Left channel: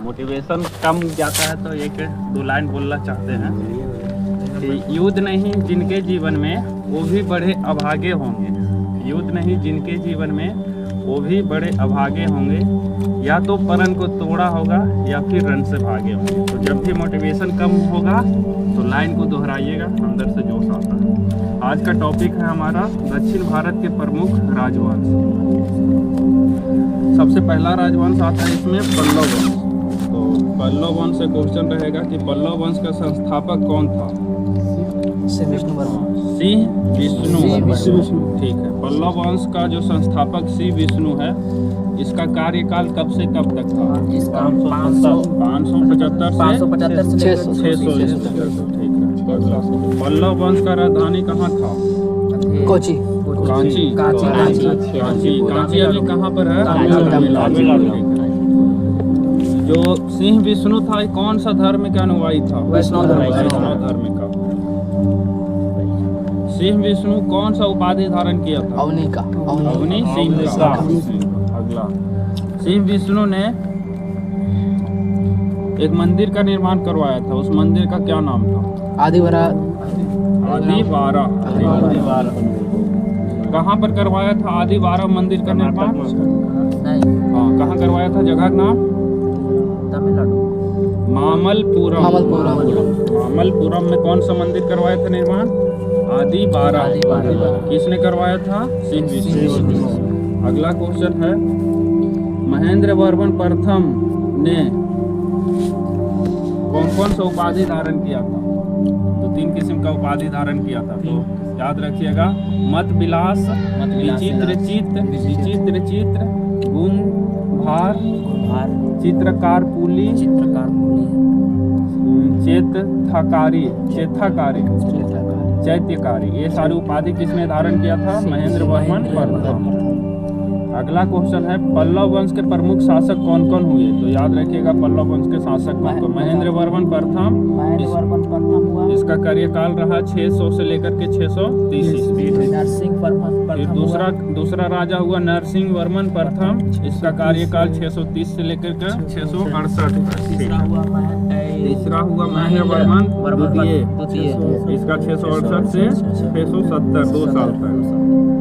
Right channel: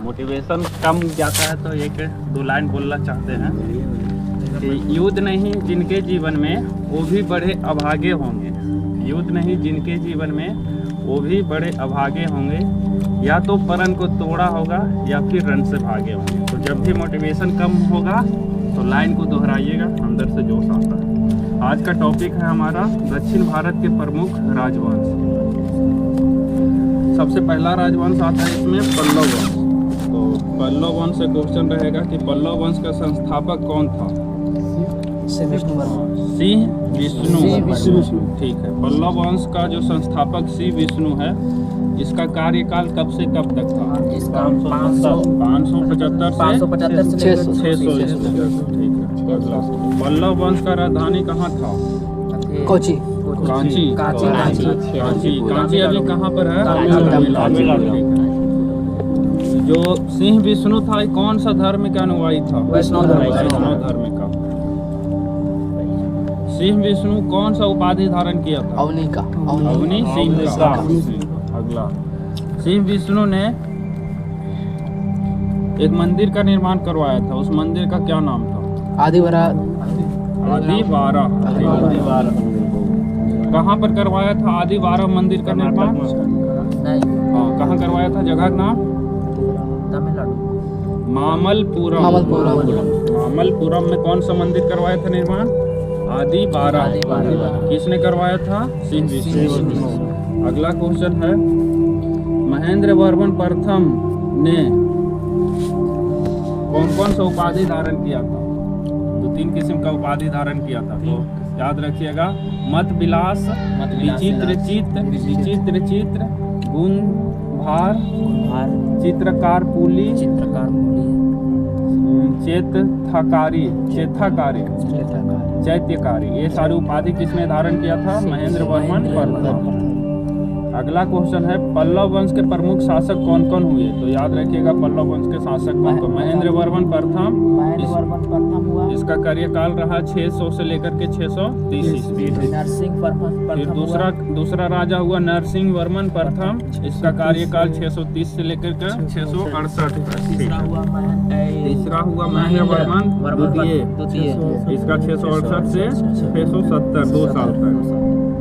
Motivation कम जाता है तो एक दो लाइन बोलना चाहते हैं कि युद्ध नहीं जिनके जीवन में वो भी बड़े अभागे होंगे। युद्ध नहीं जिनके जीवन में वो भी बड़े अभागे होंगे, या तो परन को तोड़ा होगा या फिर रन से भागे होंगे। तो जब भी मोटिवेशन कम होगा तो लाइन को दोहराइएगा, अंदर से जोश आता है। आज का टॉपिक है हमारा दक्षिण भारत के प्रमुख राजवंश। सबसे पहला राजवंश आता है इसमें पल्लव वंश। तो पल्लव वंश से क्वेश्चन रहेगा कि पल्लव वंश का संस्थापक कौन था? सिंह विष्णु। ठीक है, पल्लव वंश का जो संस्थापक सिंह विष्णु है, इसका कार्यकाल कब से कब तक था? इसका 575 से 600 ईस्वी। ठीक है। पल्लव वंश का राजधानी कहाँ था? कोची। कांची अभी कहाँ पर है? तमिलनाडु। जो सिंह विष्णु था कौन सा धर्म का अनुयायी था? वैष्णव धर्म का। सिंह विष्णु कौन सा उपाधि धारण किया था? अवनी सिंह का। अगला, सिंह विष्णु ने एक मंदिर का निर्माण करवाया था, उस मंदिर का क्या नाम था? आदिवारा। कहाँ पर करवाया था आदिवारा मंदिर का निर्माण? हाँ, कहाँ करवाया था? जगह का नाम? तमिलनाडु। मामल्लपुरम में कौन सा मंदिर करवाया था निर्माण? आदिवारा। किसने करवाया था? सिंह विष्णु। अगला क्वेश्चन है, महेंद्र वर्मन प्रथम ने कौन कौन सा उपाधि धारण किया था? 2-3 किस्म का उपाधि धारण किया था, तो याद रखिएगा। मत विलास, विचित्र चित्र, गुण भार, चित्रकार पुली, चेथाकारी, चैत्यकारी। ये सारी उपाधि किसने धारण किया था? महेंद्र वर्मन प्रथम। अगला क्वेश्चन है, पल्लव वंश के प्रमुख शासक कौन कौन हुए? तो याद रखिएगा पल्लव वंश के शासक कौन कौन? महेंद्र वर्मन प्रथम हुआ। इसका कार्यकाल रहा 600 से लेकर के 630 ईस्वी। फिर दूसरा राजा हुआ नरसिंह वर्मन प्रथम, इसका कार्यकाल 630 से लेकर के 668 तक। तीसरा हुआ महेंद्र वर्मन द्वितीय, इसका 668 से 670, 2 साल तक।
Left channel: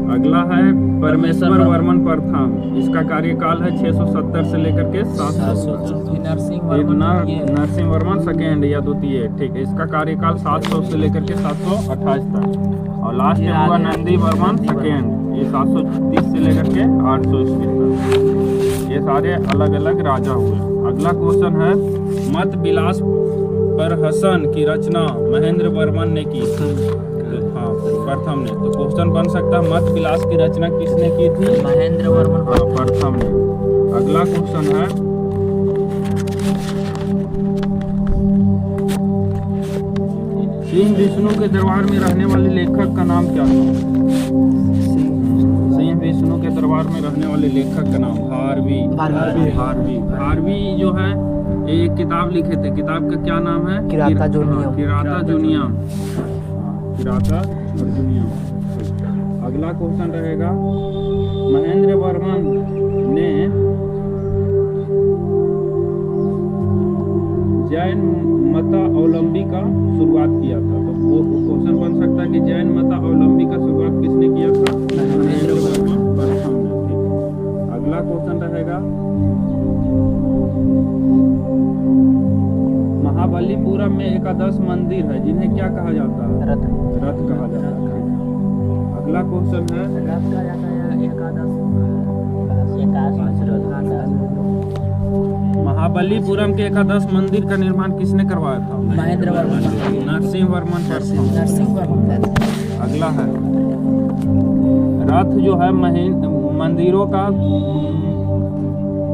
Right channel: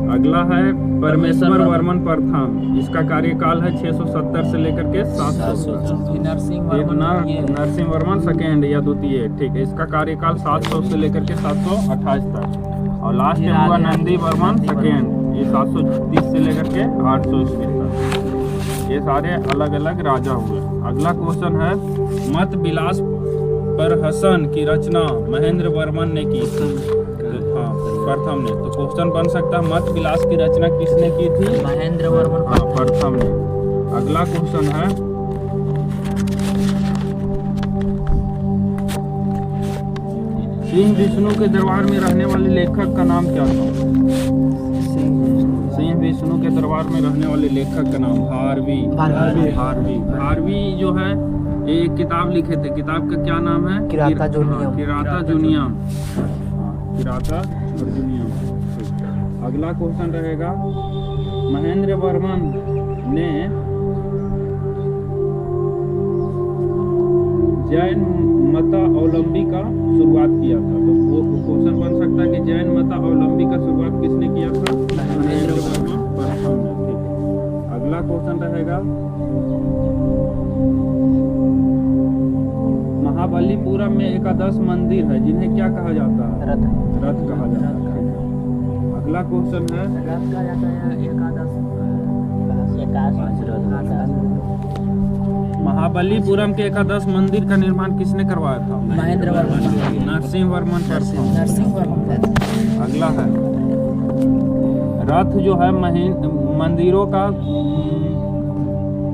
अगला है परमेश्वर वर्मन प्रथम, इसका कार्यकाल है 670 से लेकर के 700। नरसिंह वर्मन सेकेंड या द्वितीय, ठीक है, इसका कार्यकाल 700 से लेकर के 728 तक। और लास्ट में हुआ नंदी वर्मन सेकेंड, ये 730 से लेकर के 800 ईस्वी तक। ये सारे अलग अलग राजा हुए। अगला क्वेश्चन है, मत विलास पर हसन की रचना महेंद्र वर्मन ने की थी। हाँ, प्रथम ने। तो क्वेश्चन बन सकता है, मत विलास की रचना किसने की थी? महेंद्र वर्मन प्रथम ने। अगला क्वेश्चन है, सिंह विष्णु के दरबार में रहने वाले लेखक का नाम क्या था? सिंह विष्णु के दरबार में रहने वाले लेखक का नाम भारवी जो है, एक किताब लिखे थे, किताब का क्या नाम है? किराता जूनियम। अगला क्वेश्चन रहेगा, महेंद्र वर्मन ने जैन मतावलंबी का शुरुआत किया था। तो वो क्वेश्चन बन सकता है कि जैन मतावलंबी का शुरुआत किसने किया था? महेंद्र वर्मन प्रथम ने। ठीक है। अगला क्वेश्चन रहेगा, महाबलीपुरम में एकादश मंदिर है जिन्हें क्या कहा जाता है? रथ कहा जाता है। अगला क्वेश्चन है, रथ कहा जाता है एकादश। महाबलीपुरम के एकादश मंदिर का निर्माण किसने करवाया था? महेंद्र वर्मन। नरसिंह वर्मन प्रथम। अगला है, रथ जो है मंदिरों का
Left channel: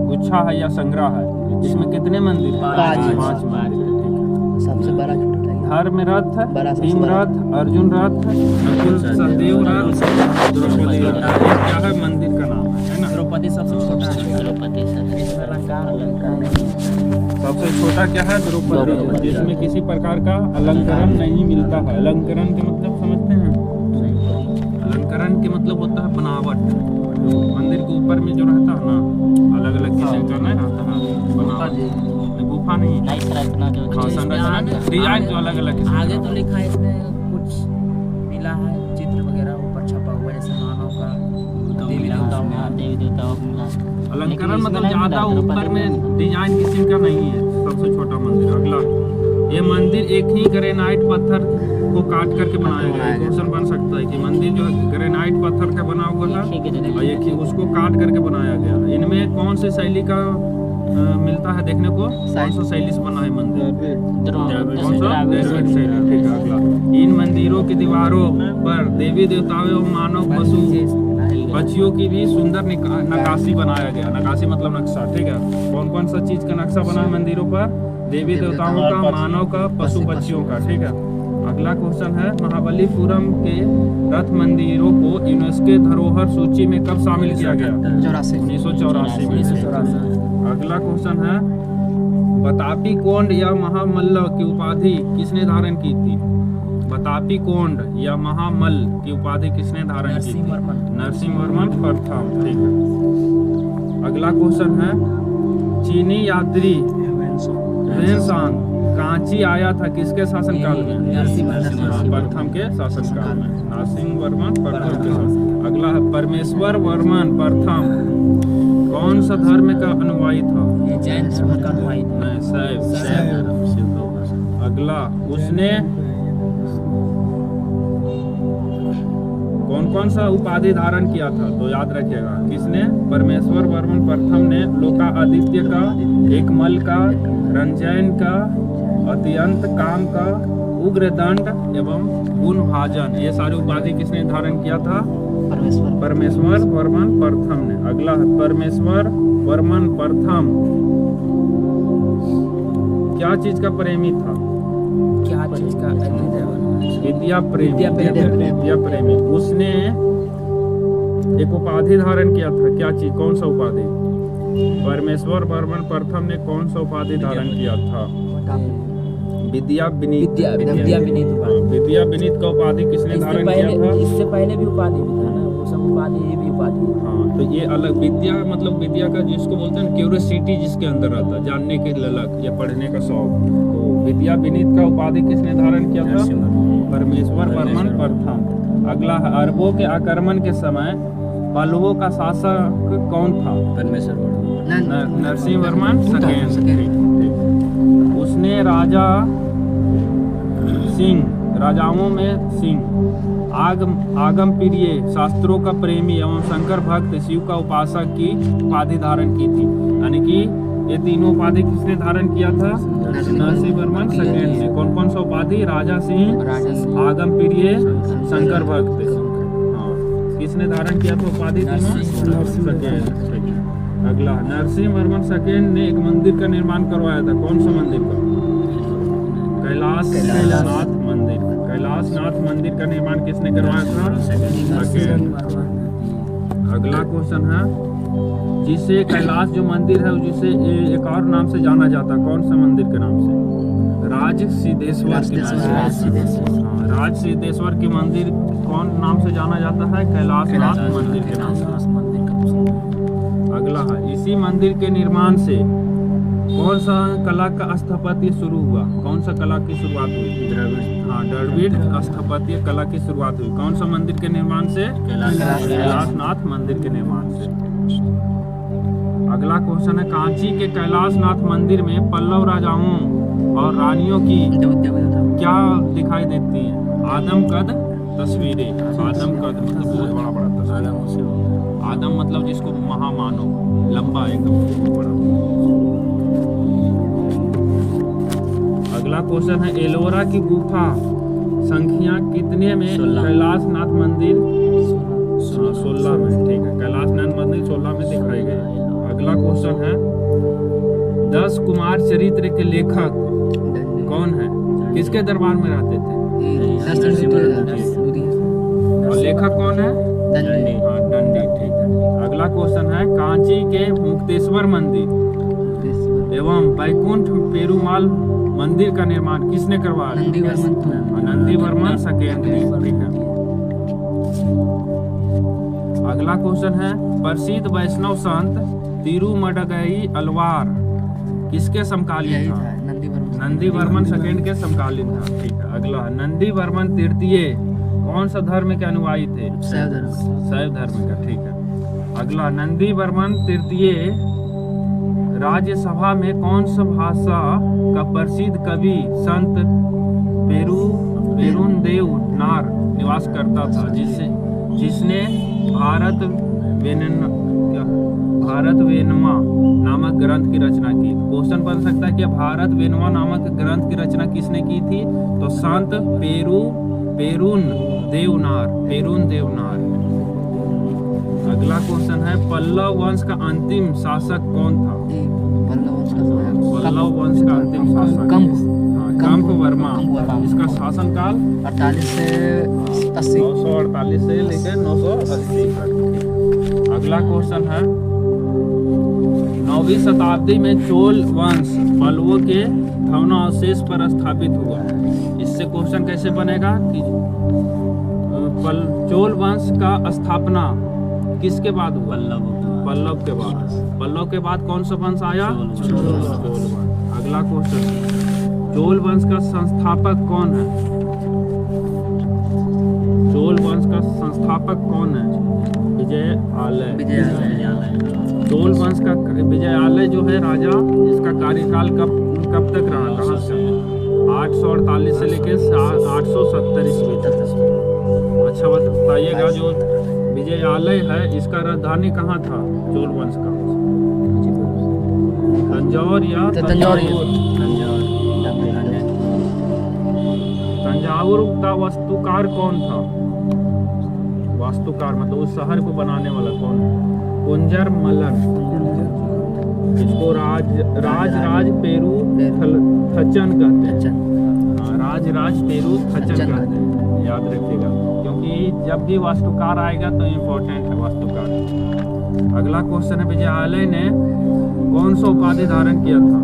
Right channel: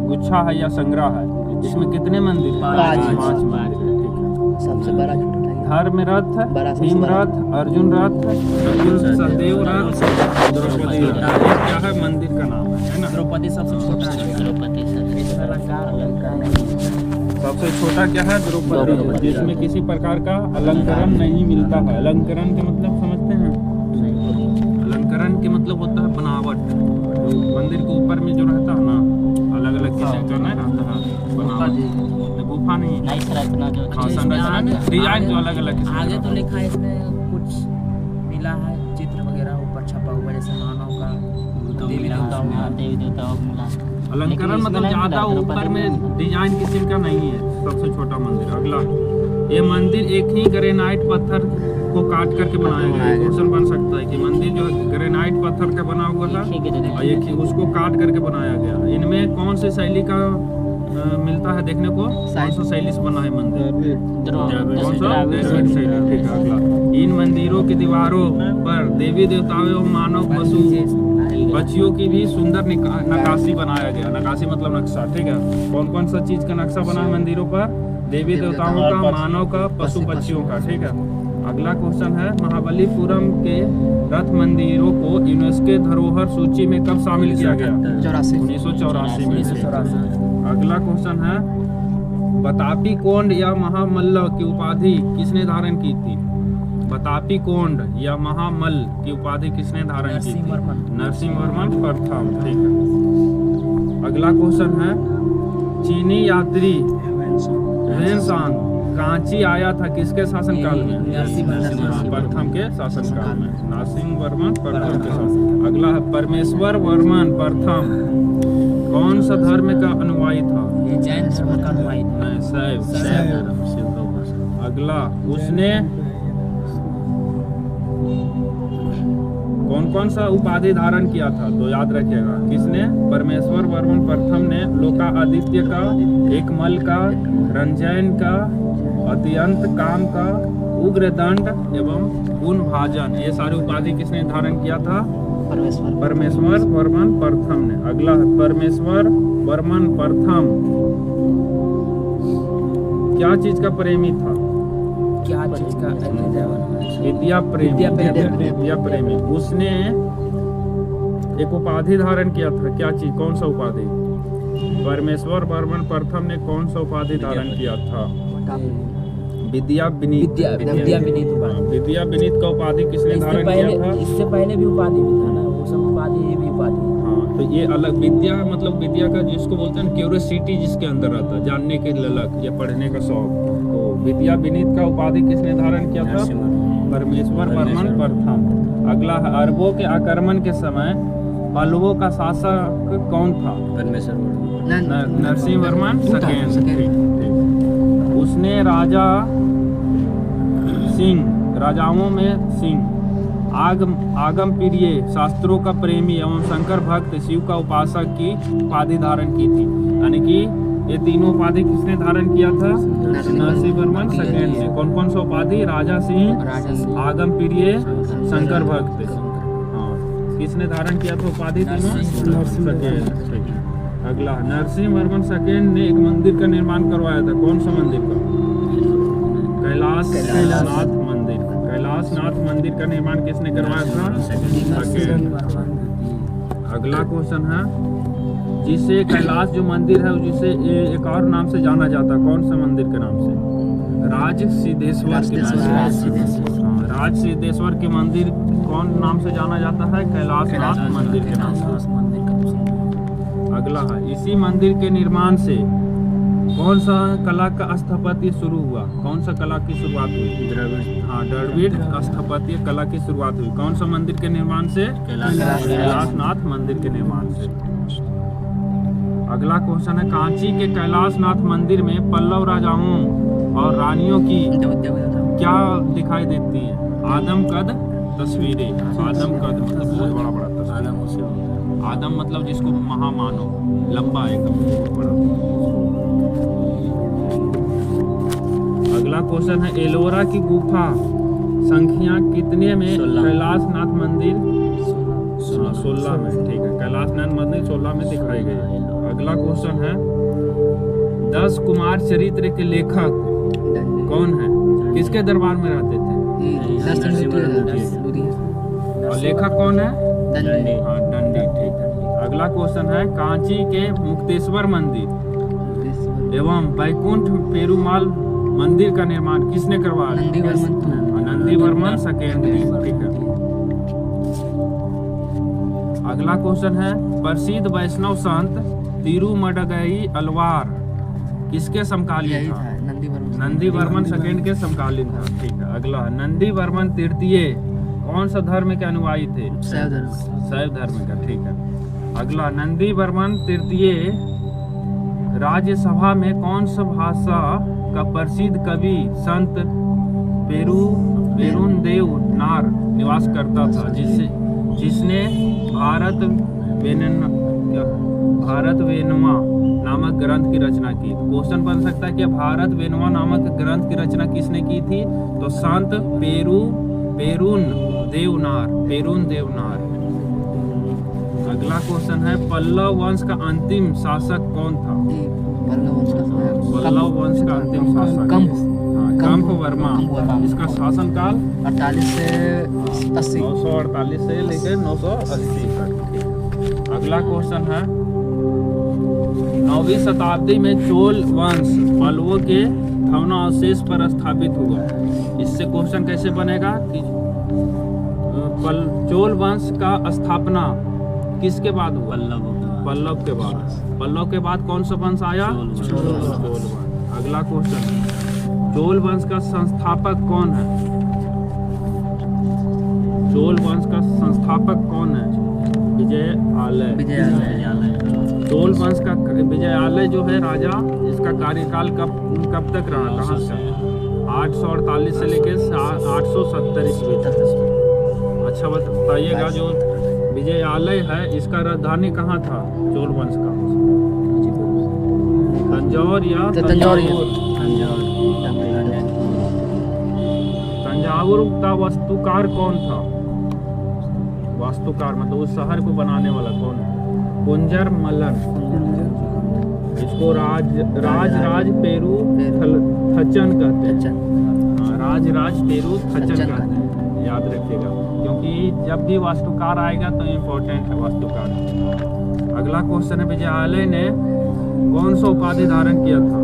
गुच्छा है या संग्रह है, इसमें कितने मंदिर हैं? 5 मंदिर। सबसे बड़ा धर्म रथ, भीम रथ, अर्जुन रथ, सहदेव रथ, द्रौपदी रथ। क्या है मंदिर का नाम है ना? द्रौपदी सबसे छोटा है। द्रौपदी सबसे छोटा क्या है? द्रौपदी, जिसमें किसी प्रकार का अलंकरण नहीं मिलता है। अलंकरण के मतलब समझते हैं? अलंकरण के मतलब होता है बनावट। मंदिर के ऊपर में जो रहता है ना, अलग अलग किस्म का नहीं रहता है बनावट। गुफा नहीं है। नहीं संरचना जो हाँ, इसमें संरचना आगे- डिजाइन जो अलग अलग किस्म आगे का। तो लिखा है इसमें कुछ मिला है चित्र वगैरह ऊपर छपा हुआ है, जैसे मानव का देवी देवताओं का मिला। अलंकरण मतलब ज्यादा ऊपर में डिजाइन किस्म का नहीं है। सबसे छोटा मंदिर। अगला, ये मंदिर एक ही ग्रेनाइट पत्थर को काट करके बनाया गया है। क्वेश्चन बन सकता है कि मंदिर जो ग्रेनाइट पत्थर का बना हुआ था और एक ही उसको काट करके बनाया गया। इनमें कौन सी शैली का मिलता है देखने को? कौन सा शैली से बना है मंदिर? कौन सा? द्रविड़ शैली। ठीक है। अगला, इन मंदिरों की दीवारों पर देवी देवताओं एवं मानव पशु पक्षियों की भी सुंदर नक्काशी बनाया गया। नक्काशी मतलब नक्शा। ठीक है। कौन कौन सा चीज का नक्शा बना है मंदिरों पर? देवी देवताओं का, मानव का, पशु पक्षियों का। ठीक है। अगला क्वेश्चन है, महाबलीपुरम के रथ मंदिरों को यूनेस्को धरोहर सूची में कब शामिल किया गया? 1984 में। अगला क्वेश्चन है, बतापी कोंड या महामल्ल की उपाधि किसने धारण की थी? बतापी कोंड या महामल्ल की उपाधि किसने धारण की थी? नरसिंहवर्मन प्रथम। ठीक है। अगला क्वेश्चन है, चीनी यात्री वेनसांग कांची आया था किसके शासन काल में? नरसिंहवर्मन प्रथम के शासन काल में। नरसिंहवर्मन प्रथम के शासन। अगला है, परमेश्वर वर्मन प्रथम कौन सा धर्म का अनुयायी था? ये जैन धर्म का अनुयायी था। नहीं, शैव। शिव का उपासक। अगला, उसने कौन कौन सा उपाधि धारण किया था? तो याद रखिएगा, किसने? परमेश्वर वर्मन प्रथम ने लोका आदित्य का, एकमल का, रंजन का, अत्यंत काम का, उग्रदंड एवं गुण भाजन, ये सारी उपाधि किसने धारण किया था? परमेश्वर वर्मन प्रथम ने। अगला है, परमेश्वर वर्मन प्रथम क्या चीज का प्रेमी था? क्या चीज का? विद्या प्रेमी। उसने एक उपाधि धारण किया था। क्या चीज? कौन सा उपाधि? परमेश्वर वर्मन प्रथम ने कौन सा उपाधि धारण किया था? विद्या विनीत। विद्या विनीत का उपाधि किसने धारण किया था? इससे पहले भी उपाधि भी था ना, वो सब उपाधि, ये भी उपाधि। हाँ, तो ये अलग विद्या मतलब विद्या का जिसको बोलते हैं क्यूरियोसिटी जिसके अंदर रहता है, जानने की ललक या पढ़ने का शौक। तो विद्या विनीत का उपाधि किसने धारण किया था? परमेश्वर वर्मन प्रथम। अगला है, अरबों के आक्रमण के समय पल्लवों का शासक कौन था? परमेश्वर वर्मन। नरसिंहवर्मन सेकेंड। उसने राजाओं में सिंह, आगम प्रिय, शास्त्रों का प्रेमी एवं शंकर भक्त, शिव का उपासक की उपाधि धारण की थी। यानी कि ये तीनों उपाधि किसने धारण किया था? नरसिंहवर्मन सेकेंड ने। कौन कौन सा उपाधि? राजा सिंह, आगम प्रिय, शंकर भक्त। हाँ, किसने धारण किया था उपाधि तीनों? सेकेंड। अगला, नरसिंहवर्मन सेकेंड ने एक मंदिर का निर्माण करवाया था। कौन सा मंदिर का? कैलाशनाथ मंदिर। कैलाशनाथ मंदिर का निर्माण किसने करवाया था? सेकेंड। अगला क्वेश्चन है, जिसे कैलाश जो मंदिर है जिसे एक और नाम से जाना जाता, कौन सा मंदिर के नाम से? राज सिद्धेश्वर के नाम से। हाँ, राज सिद्धेश्वर के मंदिर कौन नाम से जाना जाता है? कैलाशनाथ मंदिर के नाम से। अगला है, इसी मंदिर के निर्माण से कौन सा कला का स्थापत्य शुरू हुआ? कौन सा कला की शुरुआत हुई? द्रविड़ स्थापत्य कला की शुरुआत हुई। कौन सा मंदिर के निर्माण से? कैलाशनाथ मंदिर के निर्माण से। अगला क्वेश्चन है, कांची के कैलाशनाथ मंदिर में पल्लव राजाओं और रानियों की क्या दिखाई देती है? आदमकद तस्वीरें। आदमकद मतलब बहुत बड़ा तस्वीर। आदम मतलब जिसको महामानव, लंबा एकदम बड़ा। अगला क्वेश्चन है, एलोरा की गुफा संख्या कितने में कैलाशनाथ मंदिर? 16 में। ठीक है, कैलाशनाथ मंदिर 16 में दिखाई गई। अगला क्वेश्चन है, 10 कुमार चरित्र के लेखक कौन है? किसके दरबार में रहते थे? और लेखक कौन है? हाँ, दंडी। ठीक है। अगला क्वेश्चन है, कांची के मुक्तेश्वर मंदिर एवं बैकुंठ पेरुमाल मंदिर का निर्माण किसने करवाया? नंदीवर्मन सेकेंड। ठीक है। अगला क्वेश्चन है, प्रसिद्ध वैष्णव संत तिरुमडगई अलवार यही समकालीन था था? नंदी वर्मन सेकंड के समकालीन था। ठीक है, अगला नंदी वर्मन तृतीय कौन सा धर्म के अनुयायी थे? शैव धर्म। शैव धर्म का। ठीक है, अगला नंदी वर्मन तृतीय राज्यसभा में कौन सा भाषा का प्रसिद्ध कवि संत पेरुन देव नार निवास करता था, जिसने भारत वेनवा नामक ग्रंथ की रचना की? क्वेश्चन बन सकता है कि भारत वेनवा नामक ग्रंथ की रचना किसने की थी? तो संत पेरुन देवनार। अगला क्वेश्चन है पल्लव वंश का अंतिम शासक कौन था? पल्लव वंश का अंतिम शासक कंप वर्मा। इसका शासनकाल 48 से 80। 948 से लेकर 980 तक। अगला क्वेश्चन है 9वीं शताब्दी में चोल वंश पल्लवों के भग्नावशेष पर स्थापित हुआ। इससे क्वेश्चन कैसे बनेगा कि चोल वंश का स्थापना किसके बाद हुआ? पल्लव के बाद। पल्लव के बाद कौन सा वंश आया? चोल वंश। अगला क्वेश्चन चोल वंश का संस्थापक कौन है? चोल वंश का संस्थापक कौन है? विजयालय। चोल वंश का विजयालय जो है राजा, इसका कार्यकाल कब तक रहा? कहाँ से? 848 से लेकर 870 ईस्वी तक। अच्छा बताइएगा, जो विजयालय है इसका राजधानी कहाँ था चोल वंश का? तंजौर या तंजावुर का वास्तुकार कौन था? वास्तुकार मतलब उस शहर को बनाने वाला कौन? कुंजर मल्लन। इसको राज पेरू थचन कहते हैं। राज पेरू थचन कहते हैं, याद रखिएगा, क्योंकि जब भी वास्तुकार आएगा तो इम्पोर्टेंट है वास्तुकार। अगला क्वेश्चन है विजयालय ने कौन सा उपाधि धारण किया था?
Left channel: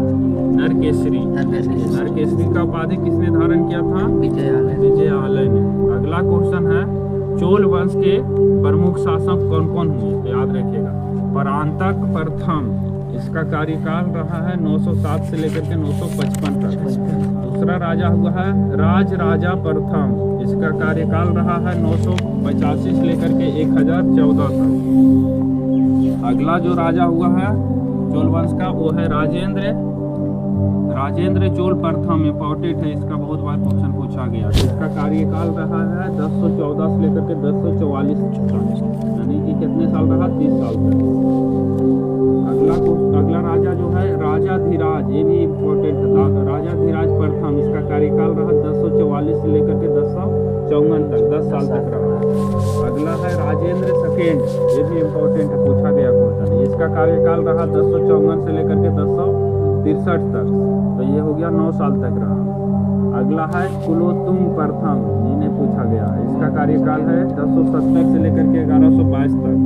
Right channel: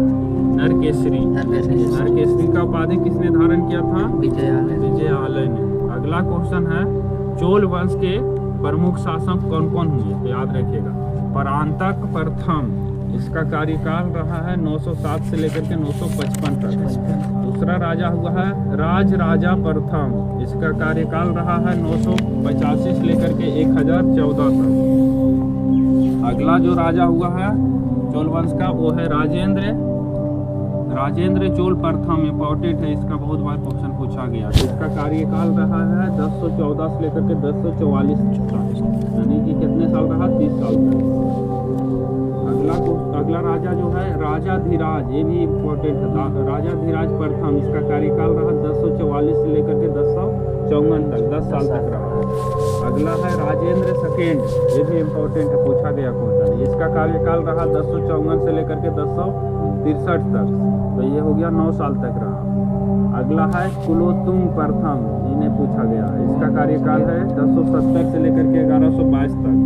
नरकेसरी का उपाधि किसने धारण किया था? विजयालय ने। अगला क्वेश्चन है चोल वंश के प्रमुख शासक कौन कौन हुए? तो याद रखिएगा परांतक प्रथम, इसका कार्यकाल रहा है 907 से लेकर के 955 तक। दूसरा राजा हुआ है राजा प्रथम, इसका कार्यकाल रहा है 985 से लेकर के 1014 तक। अगला जो राजा हुआ है चोल वंश का वो है राजेंद्र चोल प्रथम। इंपॉर्टेंट है, इसका बहुत बार क्वेश्चन पूछा गया। इसका कार्यकाल रहा है 1014 से लेकर के 1044 तक, यानी कि कितने साल रहा? 30 साल तक। अगला राजा जो है राजाधिराज, ये भी इम्पोर्टेंट है, राजाधिराज प्रथम, इसका कार्यकाल रहा 1044 से लेकर के 1054 तक, 10 साल तक रहा। अगला है राजेंद्र सेकेंड, ये भी इम्पोर्टेंट है, पूछा गया क्वेश्चन। इसका कार्यकाल रहा 1054 से लेकर के 1063 तक, तो ये हो गया 9 साल तक रहा। अगला है कुलोत्तुंग प्रथम, इन्हें पूछा गया, इसका कार्यकाल है 1070 से लेकर के 1122 तक।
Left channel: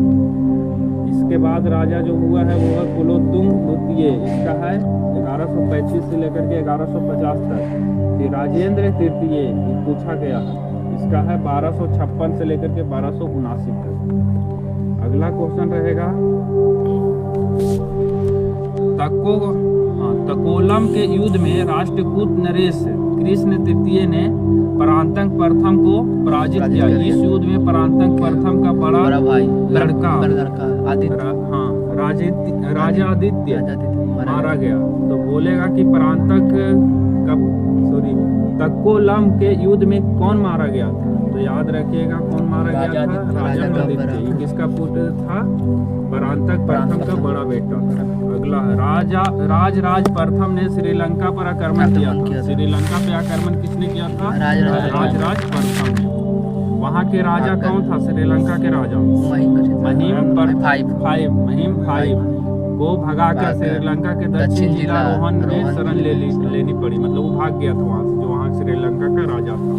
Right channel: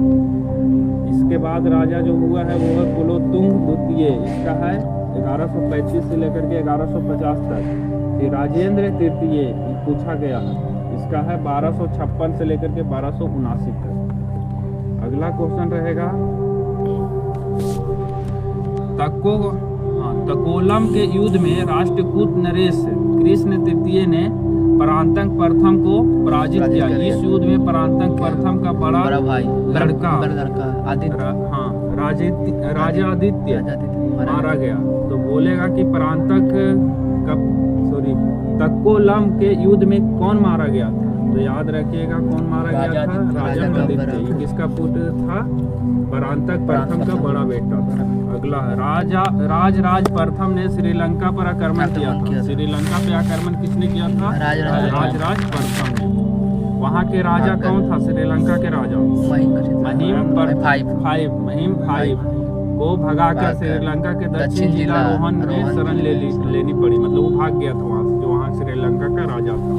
इसके बाद राजा जो हुआ है वो है कुलोत्तुंग द्वितीय, इसका है 1135 से लेकर के 1150 तक। फिर राजेंद्र तृतीय पूछा गया है, इसका है 1256 से लेकर के 1279 तक। अगला क्वेश्चन रहेगा तकोलम के युद्ध में राष्ट्रकूट नरेश कृष्ण तृतीय ने परांतक प्रथम को पराजित किया। इस युद्ध में परांतक प्रथम का बड़ा भाई लड़का राजा आदित्य मारा गया। तो बोलेगा कि तकोलम के युद्ध में कौन मारा गया था? तो याद रखिएगा कौन मारा गया था? राजा आदित्य। किसका पुत्र था? परांतक प्रथम का बड़ा बेटा था। अगला है राज प्रथम ने श्रीलंका पर आक्रमण किया था। श्रीलंका पे आक्रमण किसने किया था? राज प्रथम ने। वहाँ के राजा कौन था? श्रीलंका के राजा महिम फाइव को भगाकर श्रीलंका के दक्षिण जिला रोहन में शरण लेनी पड़ी, मतलब वो भाग गया था वहाँ से, जो वहाँ श्रीलंका का राजा था।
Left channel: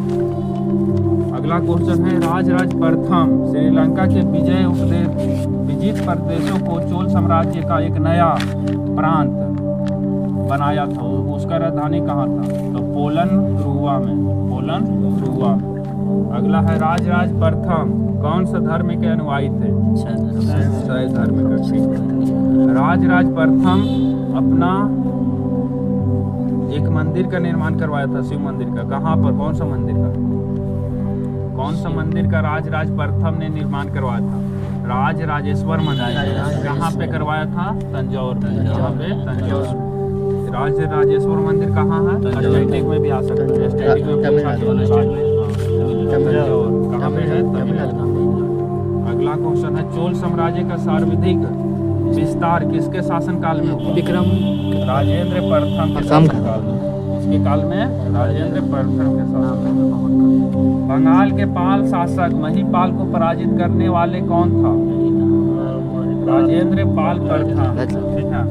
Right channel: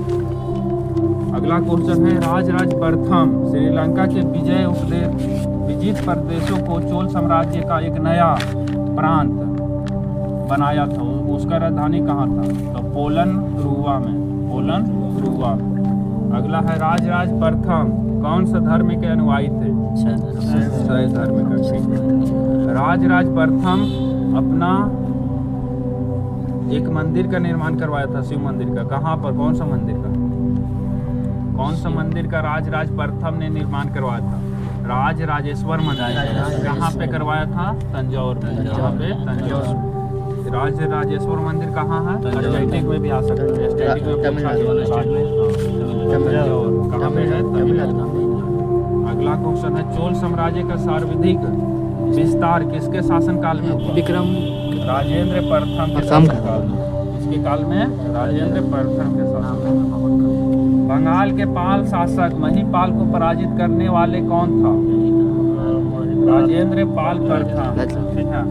अगला क्वेश्चन है राज प्रथम श्रीलंका के विजित प्रदेशों को चोल साम्राज्य का एक नया प्रांत बनाया था, उसका राजधानी कहाँ था? तो पोलन रुआ में। अगला है राज प्रथम कौन सा धर्म के अनुयायी थे? शैव धर्म का। राज प्रथम अपना एक मंदिर का निर्माण करवाया था, शिव मंदिर का। कहाँ पर, कौन सा मंदिर का, कौन सा मंदिर का राज प्रथम ने निर्माण करवाया था? राज राजेश्वर मंदिर। कहाँ पे करवाया था? तंजौर में। कहाँ पे? तंजौर। राज राजेश्वर मंदिर कहाँ है? स्टैटिक में भी आ सकता है, स्टैटिक में पूछा गया। तंजौर कहाँ पे है? तमिलनाडु। अगला क्वेश्चन है, चोल साम्राज्य का सर्वाधिक विस्तार किसके शासनकाल में हुआ? विक्रम राजेंद्र प्रथम के शासनकाल में। इसके काल में राजेंद्र प्रथम के शासनकाल। बंगाल के पाल शासक महिपाल को पराजित करने वाले कौन था? राजेंद्र पाल प्रथम। ठीक है,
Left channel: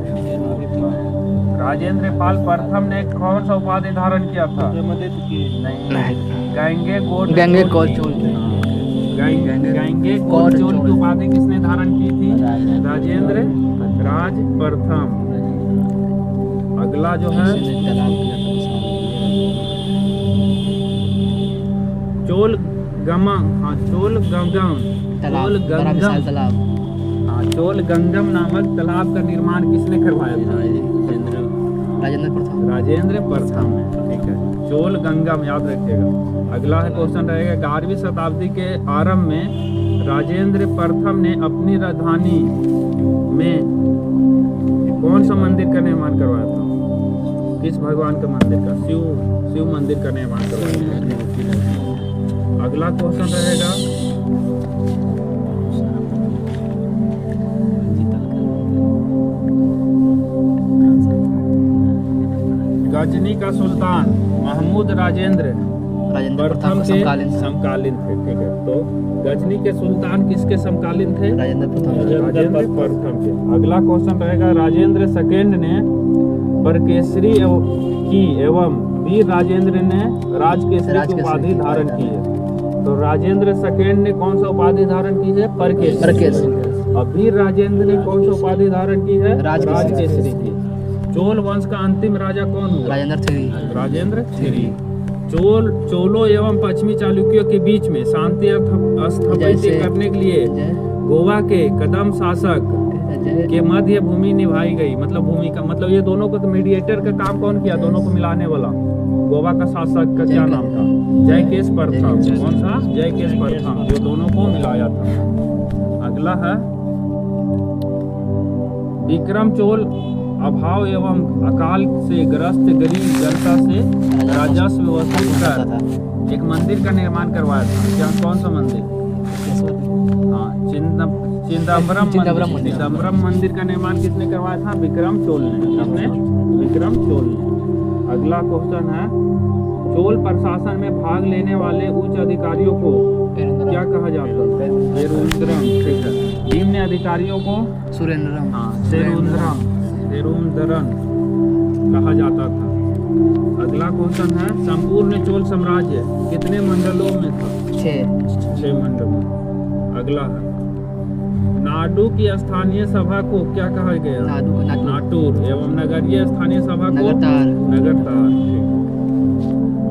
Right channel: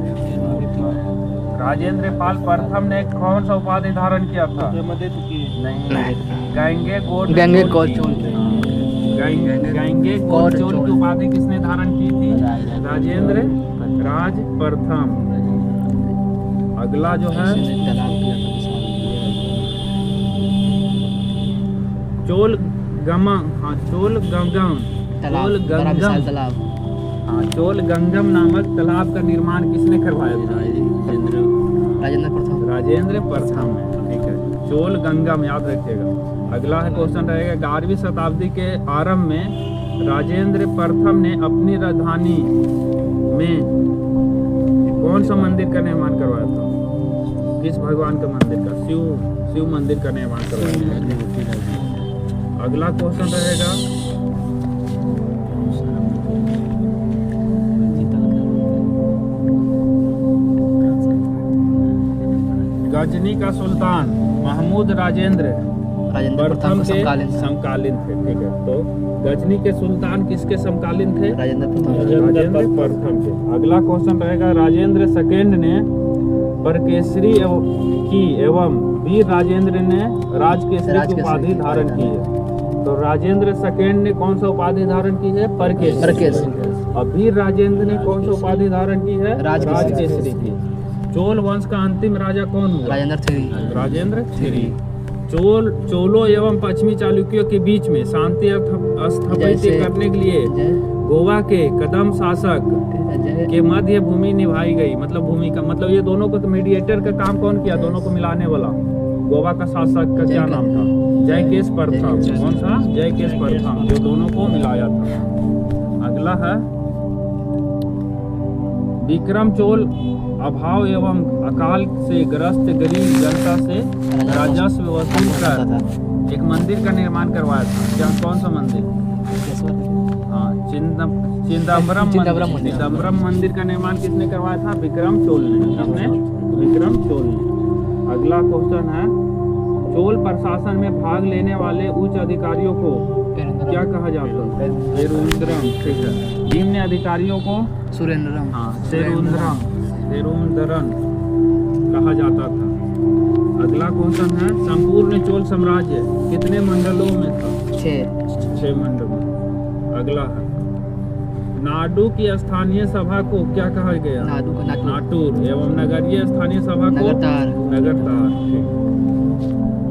राजेंद्र पाल प्रथम ने कौन सा उपाधि धारण किया था? नहीं, गंगे गोड चोल की उपाधि किसने धारण की थी? राजेंद्र राज प्रथम। अगला जो है, चोल गंगम नामक तालाब का निर्माण किसने करवाया था? राजेंद्र प्रथम ने। ठीक है, चोल गंगम याद रखिएगा। अगला है क्वेश्चन रहेगा, 11वीं शताब्दी के आरंभ में राजेंद्र प्रथम ने अपनी राजधानी में कौन सा मंदिर का निर्माण करवाया था? किस भगवान का मंदिर का? शिव मंदिर का निर्माण करवाया था। अगला क्वेश्चन रहेगा, गजनी का सुल्तान महमूद राजेंद्र प्रथम के समकालीन थे। ठीक है, तो गजनी के सुल्तान किसके समकालीन थे? राजेंद्र प्रथम के। अगला क्वेश्चन रहेगा, राजेंद्र सेकंड ने बरकेसरी की एवं वीर राजेंद्र ने राजकेसरी की उपाधि धारण की है। तो राजेंद्र सेकंड ने कौन सा उपाधि धारण की है? परकेसरी। और वीर राजेंद्र ने कौन सा उपाधि धारण की है? राजकेसरी की। चोल वंश का अंतिम राजा कौन हुआ? राजेंद्र थ्री। चोलों एवं पश्चिमी चालुक्यों के बीच में शांति स्थापित करने के लिए गोवा के कदम शासक के मध्य भूमि निभाई गई। मतलब भूमिका, मतलब ये दोनों को मीडिएटर का काम कौन किया? दोनों को मिलाने वाला। गोवा का शासक का क्या नाम था? जयकेश प्रथम। कौन सा? जयकेश प्रथम, जो दोनों को मिलाया था। अगला है, विक्रम चोल अभाव एवं अकाल से ग्रस्त गरीब जनता से राजस्व वसूल कर एक मंदिर का निर्माण करवाया था। क्या, कौन सा मंदिर? हाँ, चिदम्बरम मंदिर का निर्माण किसने करवाया था? विक्रम चोल ने। किसने? विक्रम चोल ने। अगला क्वेश्चन है, चोल प्रशासन में भाग लेने वाले उच्च अधिकारियों को क्या कहा जाता है? सेरुंद्रम। ठीक है, निम्न अधिकारियों को सुरेंद्रम। हाँ, सेरुंदरन कहा जाता था। अगला क्वेश्चन है, संपूर्ण चोल साम्राज्य कितने मंडलों में था? 6 मंडलों। अगला है, नाडु की स्थानीय सभा को क्या कहा गया? नाटूर। एवं नगरीय स्थानीय सभा को नगरतार।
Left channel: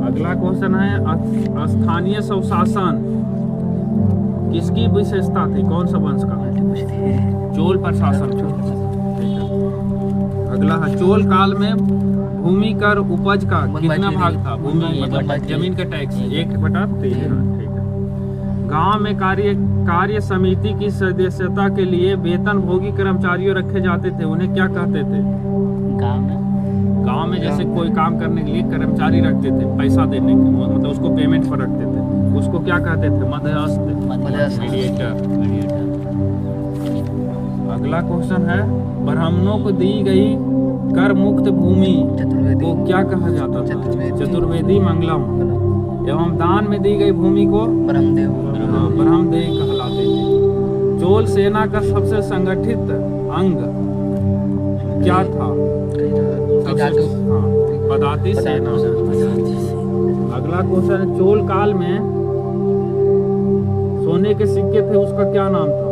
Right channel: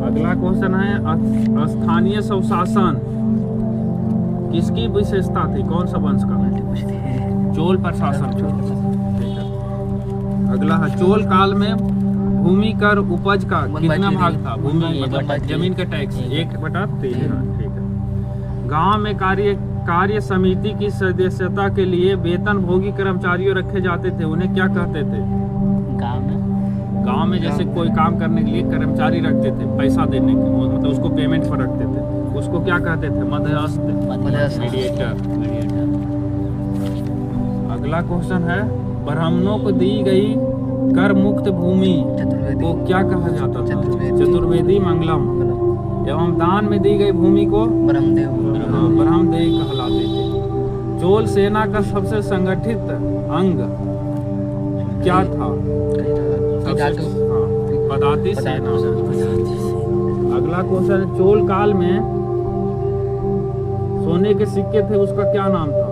अगला क्वेश्चन है, स्थानीय स्वशासन किसकी विशेषता थी? कौन सा वंश का? चोल प्रशासन। अगला है, चोल काल में भूमि कर उपज का कितना भाग था? भूमि मतलब जमीन का टैक्स 1/3। ठीक है, गांव में कार्य समिति की सदस्यता के लिए वेतन भोगी कर्मचारियों रखे जाते थे। उन्हें क्या कहते थे? गांव में जैसे कोई काम करने के लिए कर्मचारी रखते थे पैसा देने के, मतलब उसको पेमेंट पर रखते थे, उसको क्या कहते थे? मध्यस्थ, मीडिएटर। अगला क्वेश्चन है, ब्राह्मणों को दी गई कर मुक्त भूमि को क्या कहा जाता था? चतुर्वेदी मंगलम। एवं दान में दी गई भूमि को ब्रह्मदेव कहलाते थे। चोल सेना का सबसे संगठित अंग क्या था? पदाति सेना। अगला क्वेश्चन है, चोल काल में सोने के सिक्के थे, उसका क्या नाम था?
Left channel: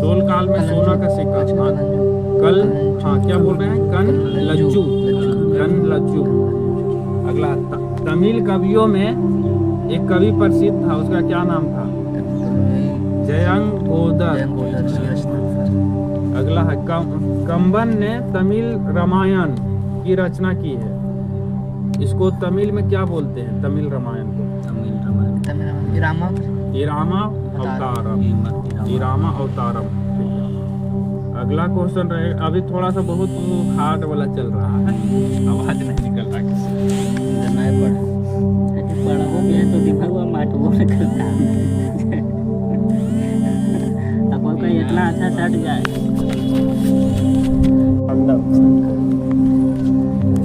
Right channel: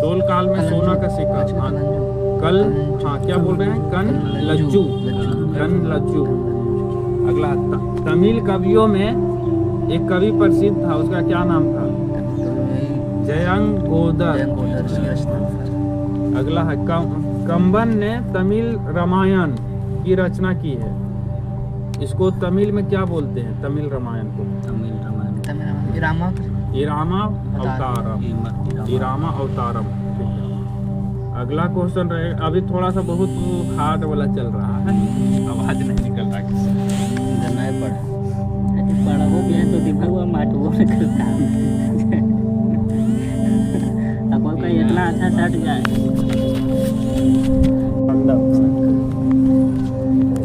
चोल काल में सोना का सिक्का क्या बोल रहे हैं? कन लज्जू। अगला, तमिल कवियों में एक कवि प्रसिद्ध था, उसका क्या नाम था? जयंगोदर। अगला है, कंबन ने तमिल रामायण की रचना की है। इसको तमिल में क्या बोलते हैं? तमिल रामायण को इरामा अवतारम। इरामा अवतारम। ठीक है। अगला क्वेश्चन रहे, अभी थोड़ा सा बहुत हार्ड वाला चल रहा है, आवाज नहीं निकल रहा किसी बड़ा हो गया तो दिमाग वो माट वो निकलता है। अब का इतना अच्छा सट जाए।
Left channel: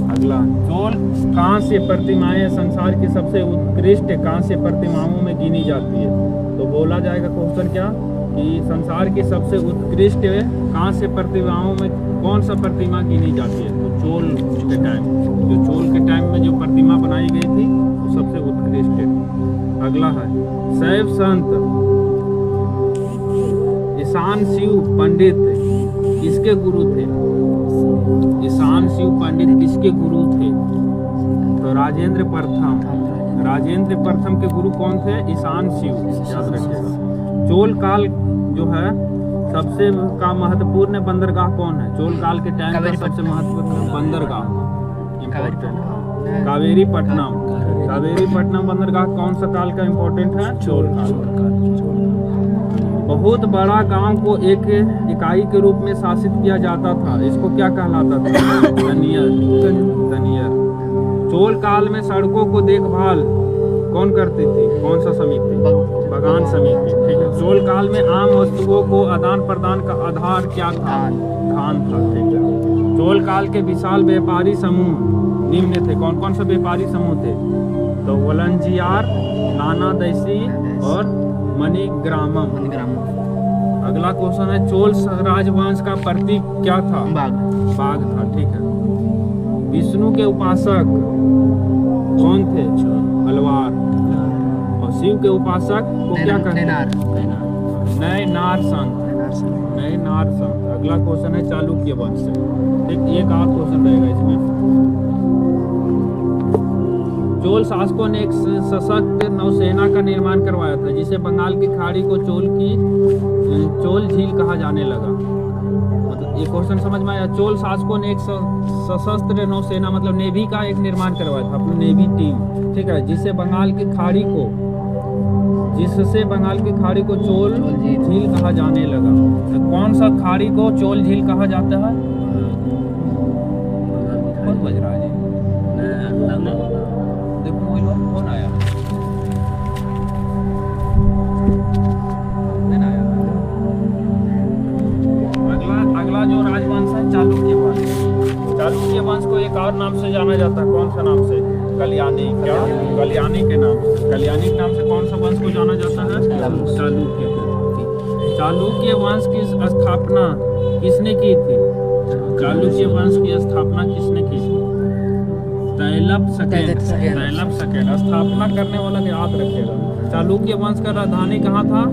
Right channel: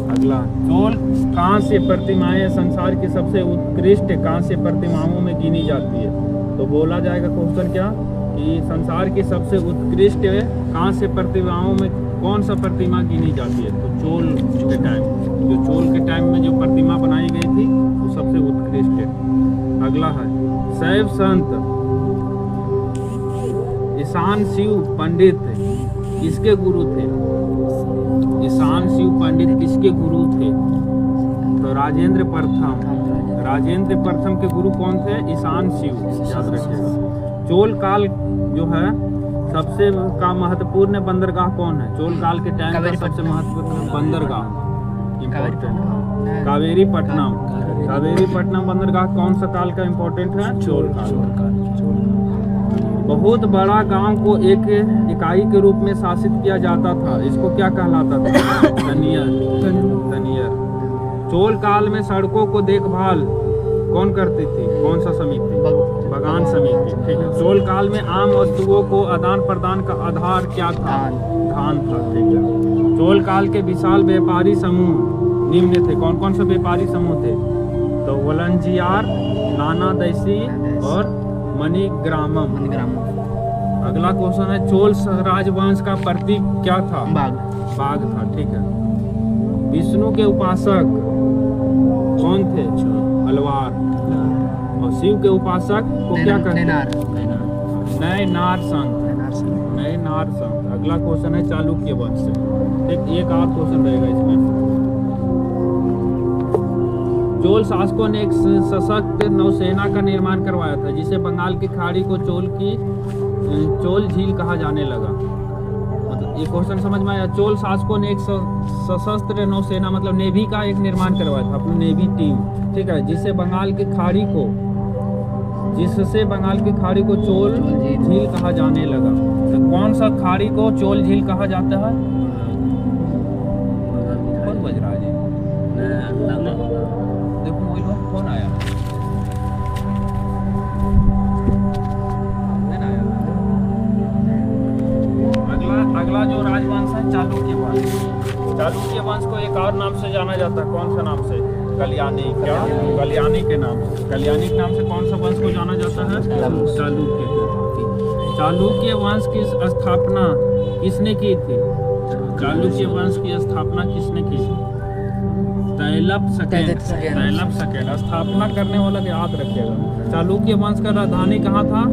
अगला, चोल कांस्य प्रतिमाएं संसार की सबसे उत्कृष्ट कांस्य प्रतिमाओं में गिनी जाती है। तो बोला जाएगा क्वेश्चन क्या कि संसार की सबसे उत्कृष्ट कांस्य प्रतिमाओं में कौन सा प्रतिमा गिनी जाती है? तो चोल के टाइम, जो चोल के टाइम में जो प्रतिमा बनाई गई थी वो सबसे उत्कृष्ट है। अगला है, शैव संत ईशान शिव पंडित किसके गुरु थे? ईशान शिव पंडित किसके गुरु थे? तो राजेंद्र प्रथम। राजेंद्र प्रथम के गुरु कौन थे? ईशान शिव, याद रखिएगा। चोल काल जो है सबसे का महत्वपूर्ण बंदरगाह कौन है? चोल काल के टाइम का सबसे महत्वपूर्ण बंदरगाह कावेरी पट्टनम। कावेरी पट्टनम बंदरगाह कौन सा काल का इम्पोर्टेंट है? चोल काल। बहुत बड़ा गांव को एक इकाई के रूप में शासित किया जाता था, इसको क्या कहलाता था? तनियर। चोल काल में सड़कों को देखभाल कौन करती थी? कौन सा समिति? बगान समिति। ठीक है। चोल काल में आम वस्तुओं को आदान प्रदान का आधार क्या था? धान था। ठीक है। चोल काल के विशाल व्यापारी समूह निम्न थे। कौन कौन से व्यापारी समूह थे? तो वलंजियार, नाना दैसी और मणिग्रामम। अगला क्वेश्चन है, चोल राजवंश का प्रतीक क्या था? बाघ था। ठीक है। विष्णु के उपासक कौन थे? अलवार। और शिव के उपासक को क्या कहते हैं? नए नार संत। नए नार संत। अगला क्वेश्चन है चालुक्य वंश से। एक और क्वेश्चन रहेगा इसमें। चोल शासकों ने एक सशक्त नौसेना का निर्माण करवाया था, जिसे बंगाल की खाड़ी को चोल झील कहा जाने लगा। मतलब ये क्वेश्चन समझ में आया? चोल शासकों ने एक सशस्त्र नौसेना मतलब नेवी का एक निर्माण करवाया था, अपनी नेवी टीम। ठीक है। जिससे बंगाल की खाड़ी को चोल झील कहा जाने लगा। तो कौन सा खाड़ी को चोल झील कहा जाता है? कौन बज रहा है? देखो मोबाइल फोन आया। अगला जो राजवंश है चालुक्य वंश। चालुक्य वंश को एक और नाम से जाना जाता है। कौन सा नाम से? कल्याणी। क्या? कल्याणी के नाम से। कल्याणी के नाम से कौन सा वंश को जाना जाता है? चालुक्य। चालुक्य वंश की स्थापना किसने की थी? चालुक्य वंश की स्थापना किसने की थी? तैलप सेकेंड। स्थापना करने वाला याद रखिएगा। चालुक्य वंश का राजधानी कहाँ था?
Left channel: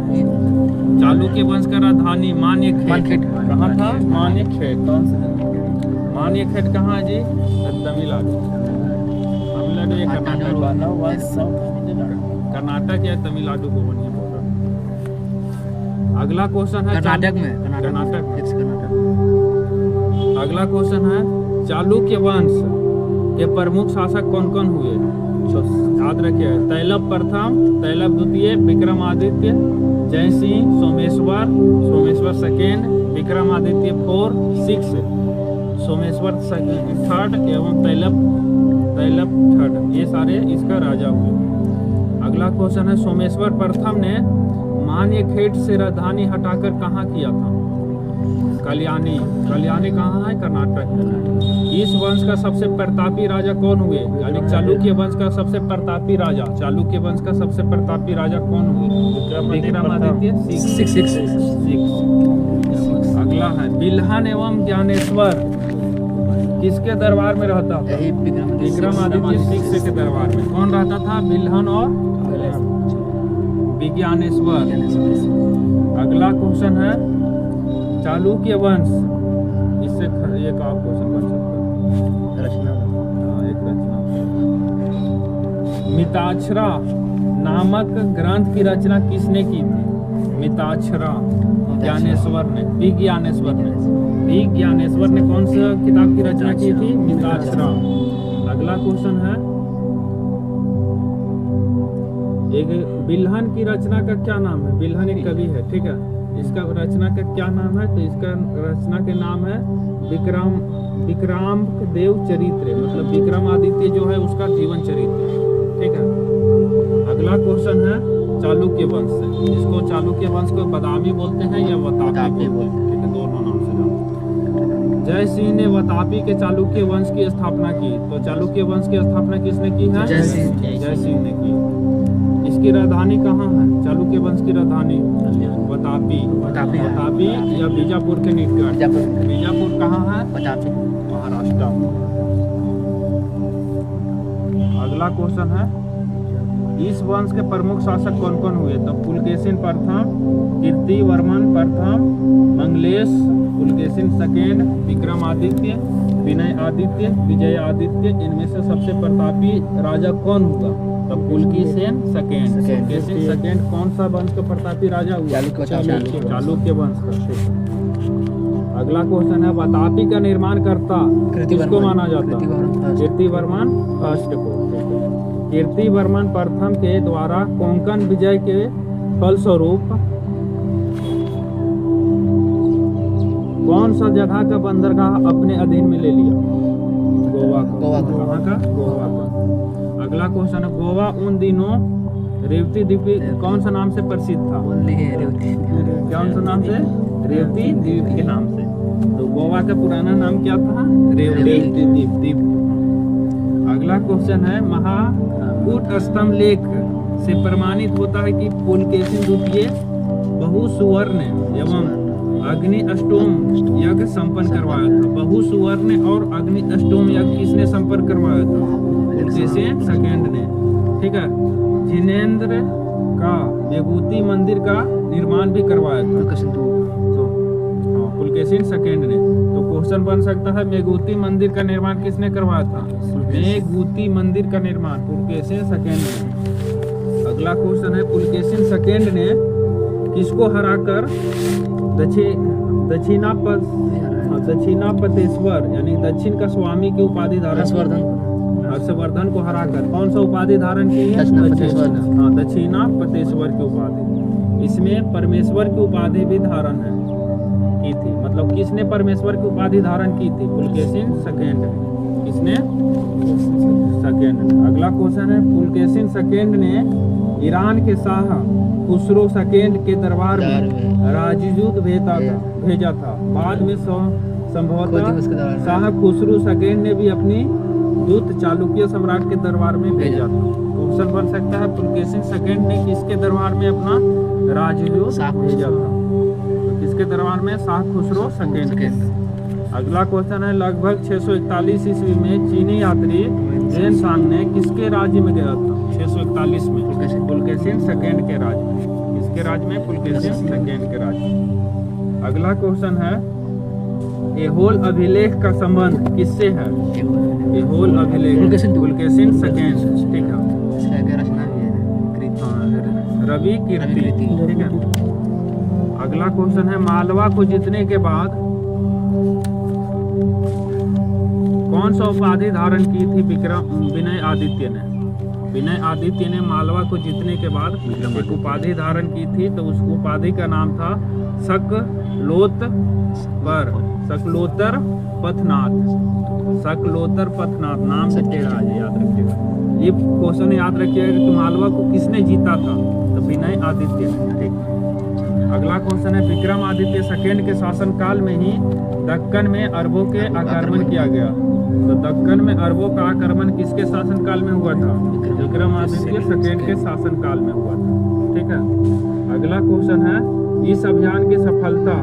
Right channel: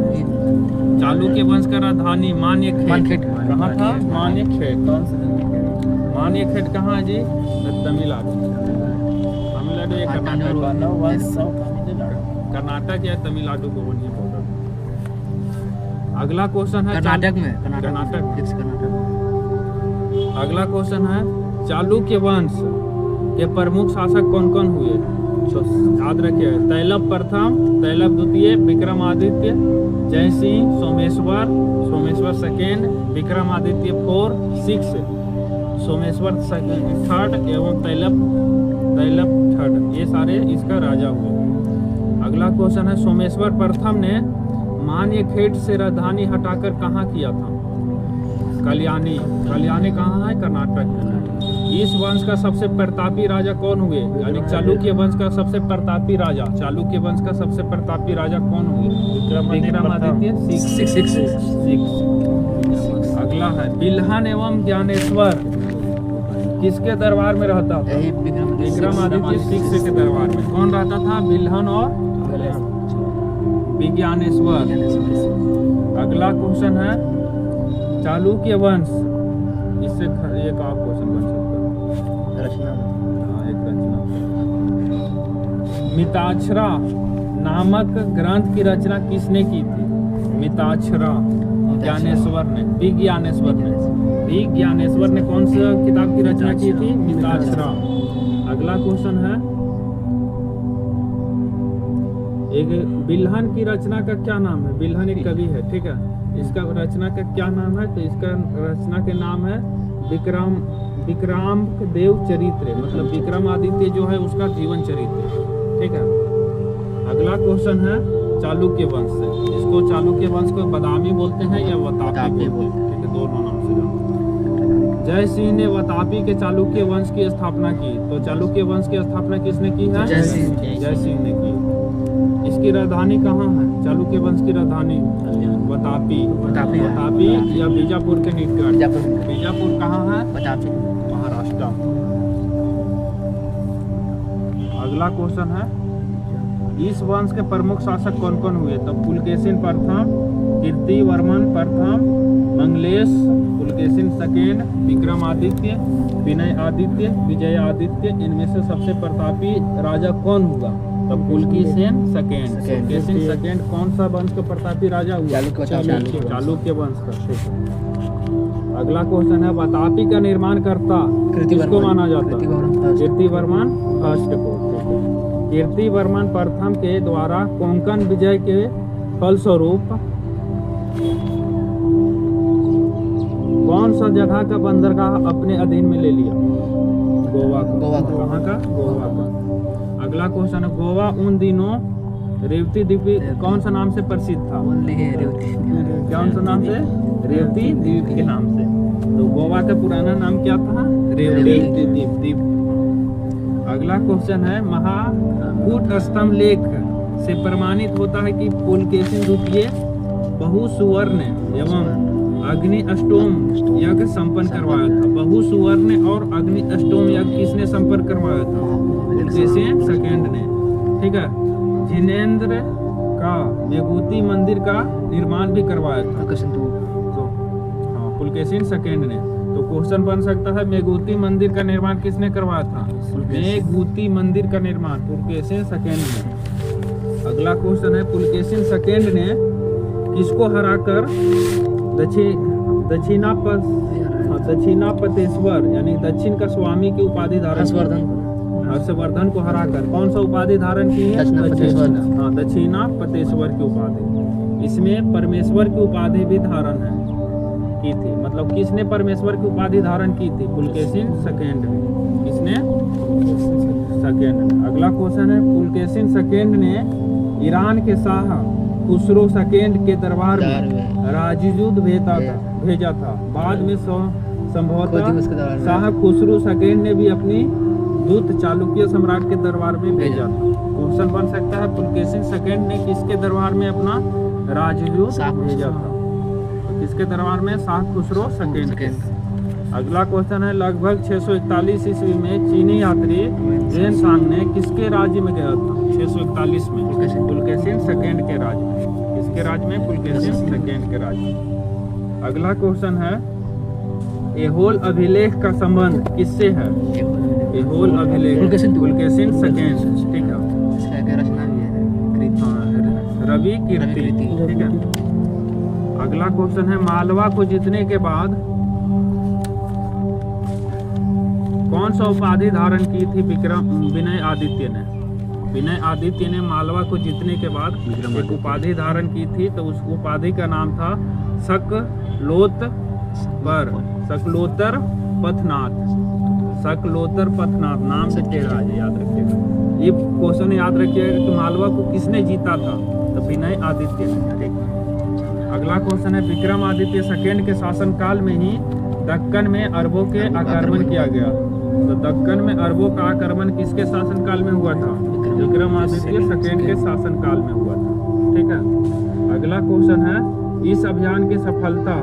चालुक्य वंश का राजधानी मान्यखेट। कहाँ था? मान्यखेट। मान्यखेट कहाँ है जी? तमिलनाडु। तमिलनाडु या कर्नाटक या तमिलनाडु को बनिए बॉर्डर। अगला क्वेश्चन है कर्नाटक में। अगला क्वेश्चन है, चालुक्य वंश के प्रमुख शासक कौन कौन हुए? याद रखिए, तैलप प्रथम, तैलप द्वितीय, विक्रमादित्य, जयसिंह, सोमेश्वर सेकेंड, विक्रमादित्य 4, 6, सोमेश्वर थर्ड एवं तैलप थर्ड। ये सारे इसका राजा हुए। अगला क्वेश्चन है, सोमेश्वर प्रथम ने मान्यखेट से राजधानी हटाकर कहाँ किया था? कल्याणी। कल्याणी कहाँ है? कर्नाटक। इस वंश का सबसे प्रतापी राजा कौन हुए? यानी चालुक्य वंश का सबसे प्रतापी राजा, चालुक्य वंश का सबसे प्रतापी राजा कौन हुए? विक्रमादित्य 6। अगला है, बिल्हन एवं ज्ञानेश्वर किसके दरबार में रहता था? विक्रमादित्य 6 के दरबार में। कौन रहता था? बिल्हन और विज्ञानेश्वर। अगला क्वेश्चन है, चालुक्य वंश, इससे एक और क्वेश्चन बन सकता है। रचना। एक रचना। मिताक्षरा नामक ग्रंथ की रचना किसने की थी? मिताक्षरा ज्ञानेश्वर ने, विज्ञानेश्वर ने कौन सा किताब की रचना की थी? मिताक्षरा। अगला क्वेश्चन है, एक बिल्हन की रचना का क्या नाम है? बिल्हन एक कवि है, ठीक है। इसका रचना का क्या नाम है? तो इसका रचना के नाम है विक्रम देव चरित्र, मतलब विक्रमादित्य जो है उसका जीवन चरित्र, ठीक है। अगला क्वेश्चन है चालुक्य वंश से। इसको चालुक्य वंश को बादामी बोलते हैं या वतापी बोलते हैं, ठीक है, दोनों नाम से जानते। जय सिंह ने वतापी के चालुक्य वंश की स्थापना की। तो चालुक्य वंश की स्थापना किसने की है? जय सिंह ने की। इसकी राजधानी कहाँ है? चालुक्य वंश की राजधानी वतापी या बीजापुर के निकट। बीजापुर कहाँ है? महाराष्ट्र। अगला क्वेश्चन है इस वंश के प्रमुख शासक कौन कौन हुए? तो पुलकेशिन प्रथम, कीर्तिवर्मन प्रथम, मंगलेश, पुलकेशिन सेकेंड, विक्रमादित्य, विनय आदित्य, विजय आदित्य। इनमें से सबसे प्रतापी राजा कौन हुआ? तो पुलकेशिन सेकेंड। पुलकेशिन सेकेंड कौन सा वंश का प्रतापी राजा हुआ? चालुक्य वंश का। अगला क्वेश्चन है वतापी का निर्माण करता किसको माना जाता? कीर्तिवर्मन फर्स्ट को। कीर्तिवर्मन प्रथम के द्वारा कोंकण विजय के फलस्वरूप कौन सा जगह का बंदरगाह अपने अधीन में ले लिया? गोवा का। कहाँ का? गोवा का। अगला क्वेश्चन है गोवा उन दिनों रेवती द्वीप कौन सा नाम से प्रसिद्ध था? कौन सा नाम से? रेवती द्वीप के नाम से। तो गोवा का पुराना नाम क्या था? रेवती द्वीप। अगला क्वेश्चन है महाकूट स्तंभ लेख से प्रमाणित होता है कि पुलकेशिन द्वितीय बहु सुवर्ण एवं अग्नि अष्टोम यज्ञ संपन्न करवाया था। बहु सुवर्ण और अग्नि अष्टोम यज्ञ किसने संपन्न करवाया था? पुलकेशिन सेकेंड ने, ठीक है। जिनेंद्र का मेघूती मंदिर का निर्माण भी करवाया था पुलकेशिन सेकेंड ने। तो क्वेश्चन बन सकता है मेघूती मंदिर का निर्माण किसने करवाया था? मेघूती मंदिर का निर्माण पुलकेशिन सेकेंड ने। अगला क्वेश्चन है पुलकेशिन सेकेंड ने किसको हराकर दक्षिणापतेश्वर यानी दक्षिण का स्वामी की उपाधि धारण? हर्षवर्धन को हराकर कौन सा उपाधि धारण की है? दक्षिणापतेश्वर की उपाधि। इसमें परमेश्वर की उपाधि भी धारण है की थी। मतलब किसने परमेश्वर की उपाधि धारण की थी? पुलकेशिन सेकेंड ने। किसने? सेकेंड ने। अगला क्वेश्चन है पुलकेशिन सेकेंड ने ईरान के शाह खुसरो सेकेंड के दरबार में राजदूत भेजा था। बाद में संभवतः शाह खुसरो सेकेंड ने भी अपनी दूत चालुक्य सम्राट के दरबार में भेजा था। क्वेश्चन बन सकता है पुलकेशिन सेकेंड ने किसके दरबार में अपना राजदूत भेजा था? किसके दरबार में? शाह खुसरो सेकेंड के। अगला क्वेश्चन है लगभग 641 ईस्वी में चीनी यात्री जेन सांग ने किसके राज्य में गया था? 641 में पुलकेशिन सेकेंड के राज्य में। किसके राज्य में? पुलकेशिन सेकेंड के राज्य में। अगला क्वेश्चन है एहोल अभिलेख का संबंध किससे है? एहोल अभिलेख पुलकेशिन सेकेंड, ठीक है। रवि कीर्ति, ठीक है। अगला क्वेश्चन है मालवा को जीतने के बाद कौन सा उपाधि धारण की थी विनय आदित्य ने? विनय आदित्य ने मालवा को जीतने के बाद एक उपाधि धारण की थी। तो उस उपाधि का नाम था सकलोतर पथनाथ। नाम से टेढ़ा है, याद रखिएगा। ये क्वेश्चन याद रखिएगा कि मालवा को किसने जीता था? तो विनय आदित्य ने, ठीक। अगला क्वेश्चन है विक्रमादित्य सेकेंड के शासनकाल में ही दक्कन में अरबों के आक्रमण किया गया। तो दक्कन में अरबों का आक्रमण किसके शासनकाल में हुआ था? विक्रमादित्य सेकेंड के शासनकाल में हुआ था, ठीक है। अगला क्वेश्चन है इस अभियान की सफलता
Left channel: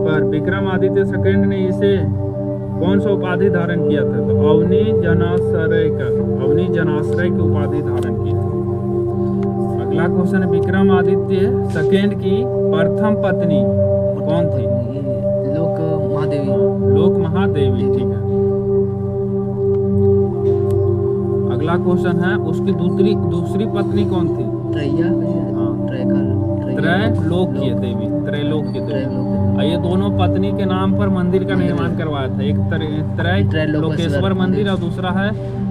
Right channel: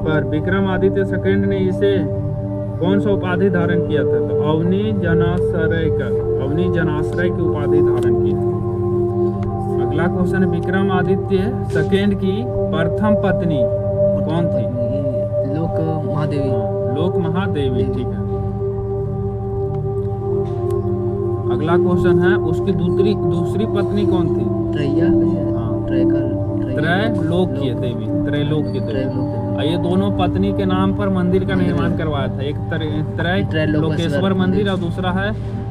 पर विक्रमादित्य सेकेंड ने इसे कौन सा उपाधि धारण किया था? तो अवनी जनाश्रय की उपाधि धारण की थी। अगला क्वेश्चन है विक्रमादित्य सेकेंड की प्रथम पत्नी कौन थी? लोक महादेवी, ठीक है। अगला क्वेश्चन है उसकी दूसरी पत्नी कौन थी? त्रैलोक्य देवी। ये दोनों पत्नी के नाम पर मंदिर का निर्माण करवाया था। एक त्रैलोकेश्वर मंदिर और दूसरा है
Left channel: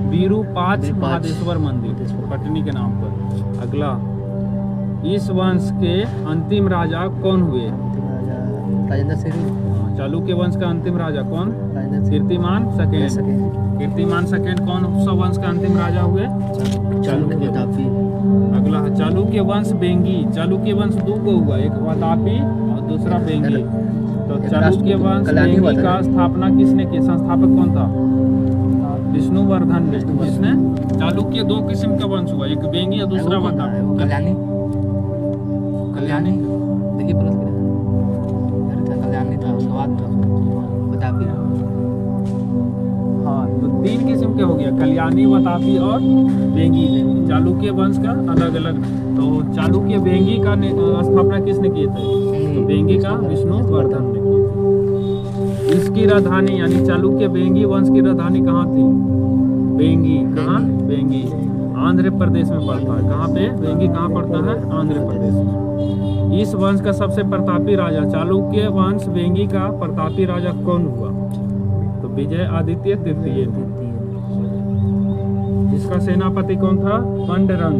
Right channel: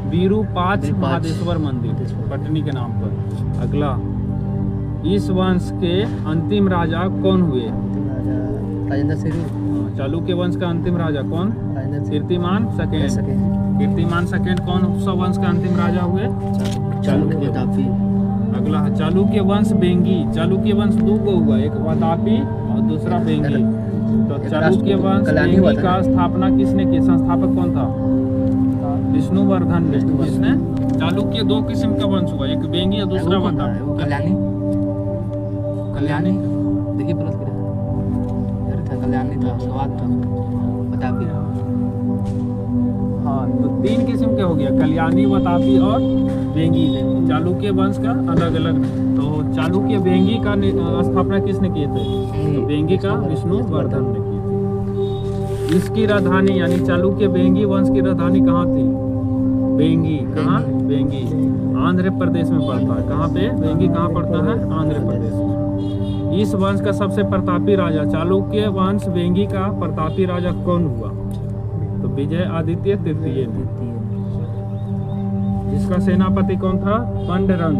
विरूपाक्ष महादेश्वर मंदिर पटनी के नाम पर। अगला, इस वंश के अंतिम राजा कौन हुए? राजेंद्र श्री। चालुक्य वंश का अंतिम राजा कौन? कीर्तिमान सेकेंड। कीर्तिमान सेकेंड कौन सा वंश का अंतिम राजा हुए? चालुक्य। अगला है चालुक्य वंश बेंगी। चालुक्य वंश दो को हुआ, एक वातापी और दूसरा बेंगी। तो चालुक्य वंश बेंगी का स्थापना किसने की? संस्थापक कौन था? विष्णुवर्धन ने। किसने? चालुक्य दो किस्म का वंश हुआ, एक बेंगी और दूसरा वातापी। कल्याणी देखिए प्लस कल्याणी था, उसके बाद था वातापी। हाँ, तो तीन किस्म के हो गया, कल्याणी, वातापी और बेंगी। चालुक्य वंश का अलग अलग। तो चालुक्य बेंगी का स्थापना किसने किए थे? तो बेंगी का विष्णुवर्धन ने की थी। इसकी राजधानी यानी चालुक्य बेंगी वंश की राजधानी कहाँ थी? बेंगी। कहाँ? बेंगी आंध्र प्रदेश में पड़ता है। कहाँ पे? बेंगी कहाँ पड़ता है? आंध्र प्रदेश में। इस वंश का सबसे प्रतापी राजा, चालुक्य वंश बेंगी का प्रतापी राजा कौन हुआ? तो विजय आदित्य तृतीय। इसका सेनापति कौन था? पांडुरंग।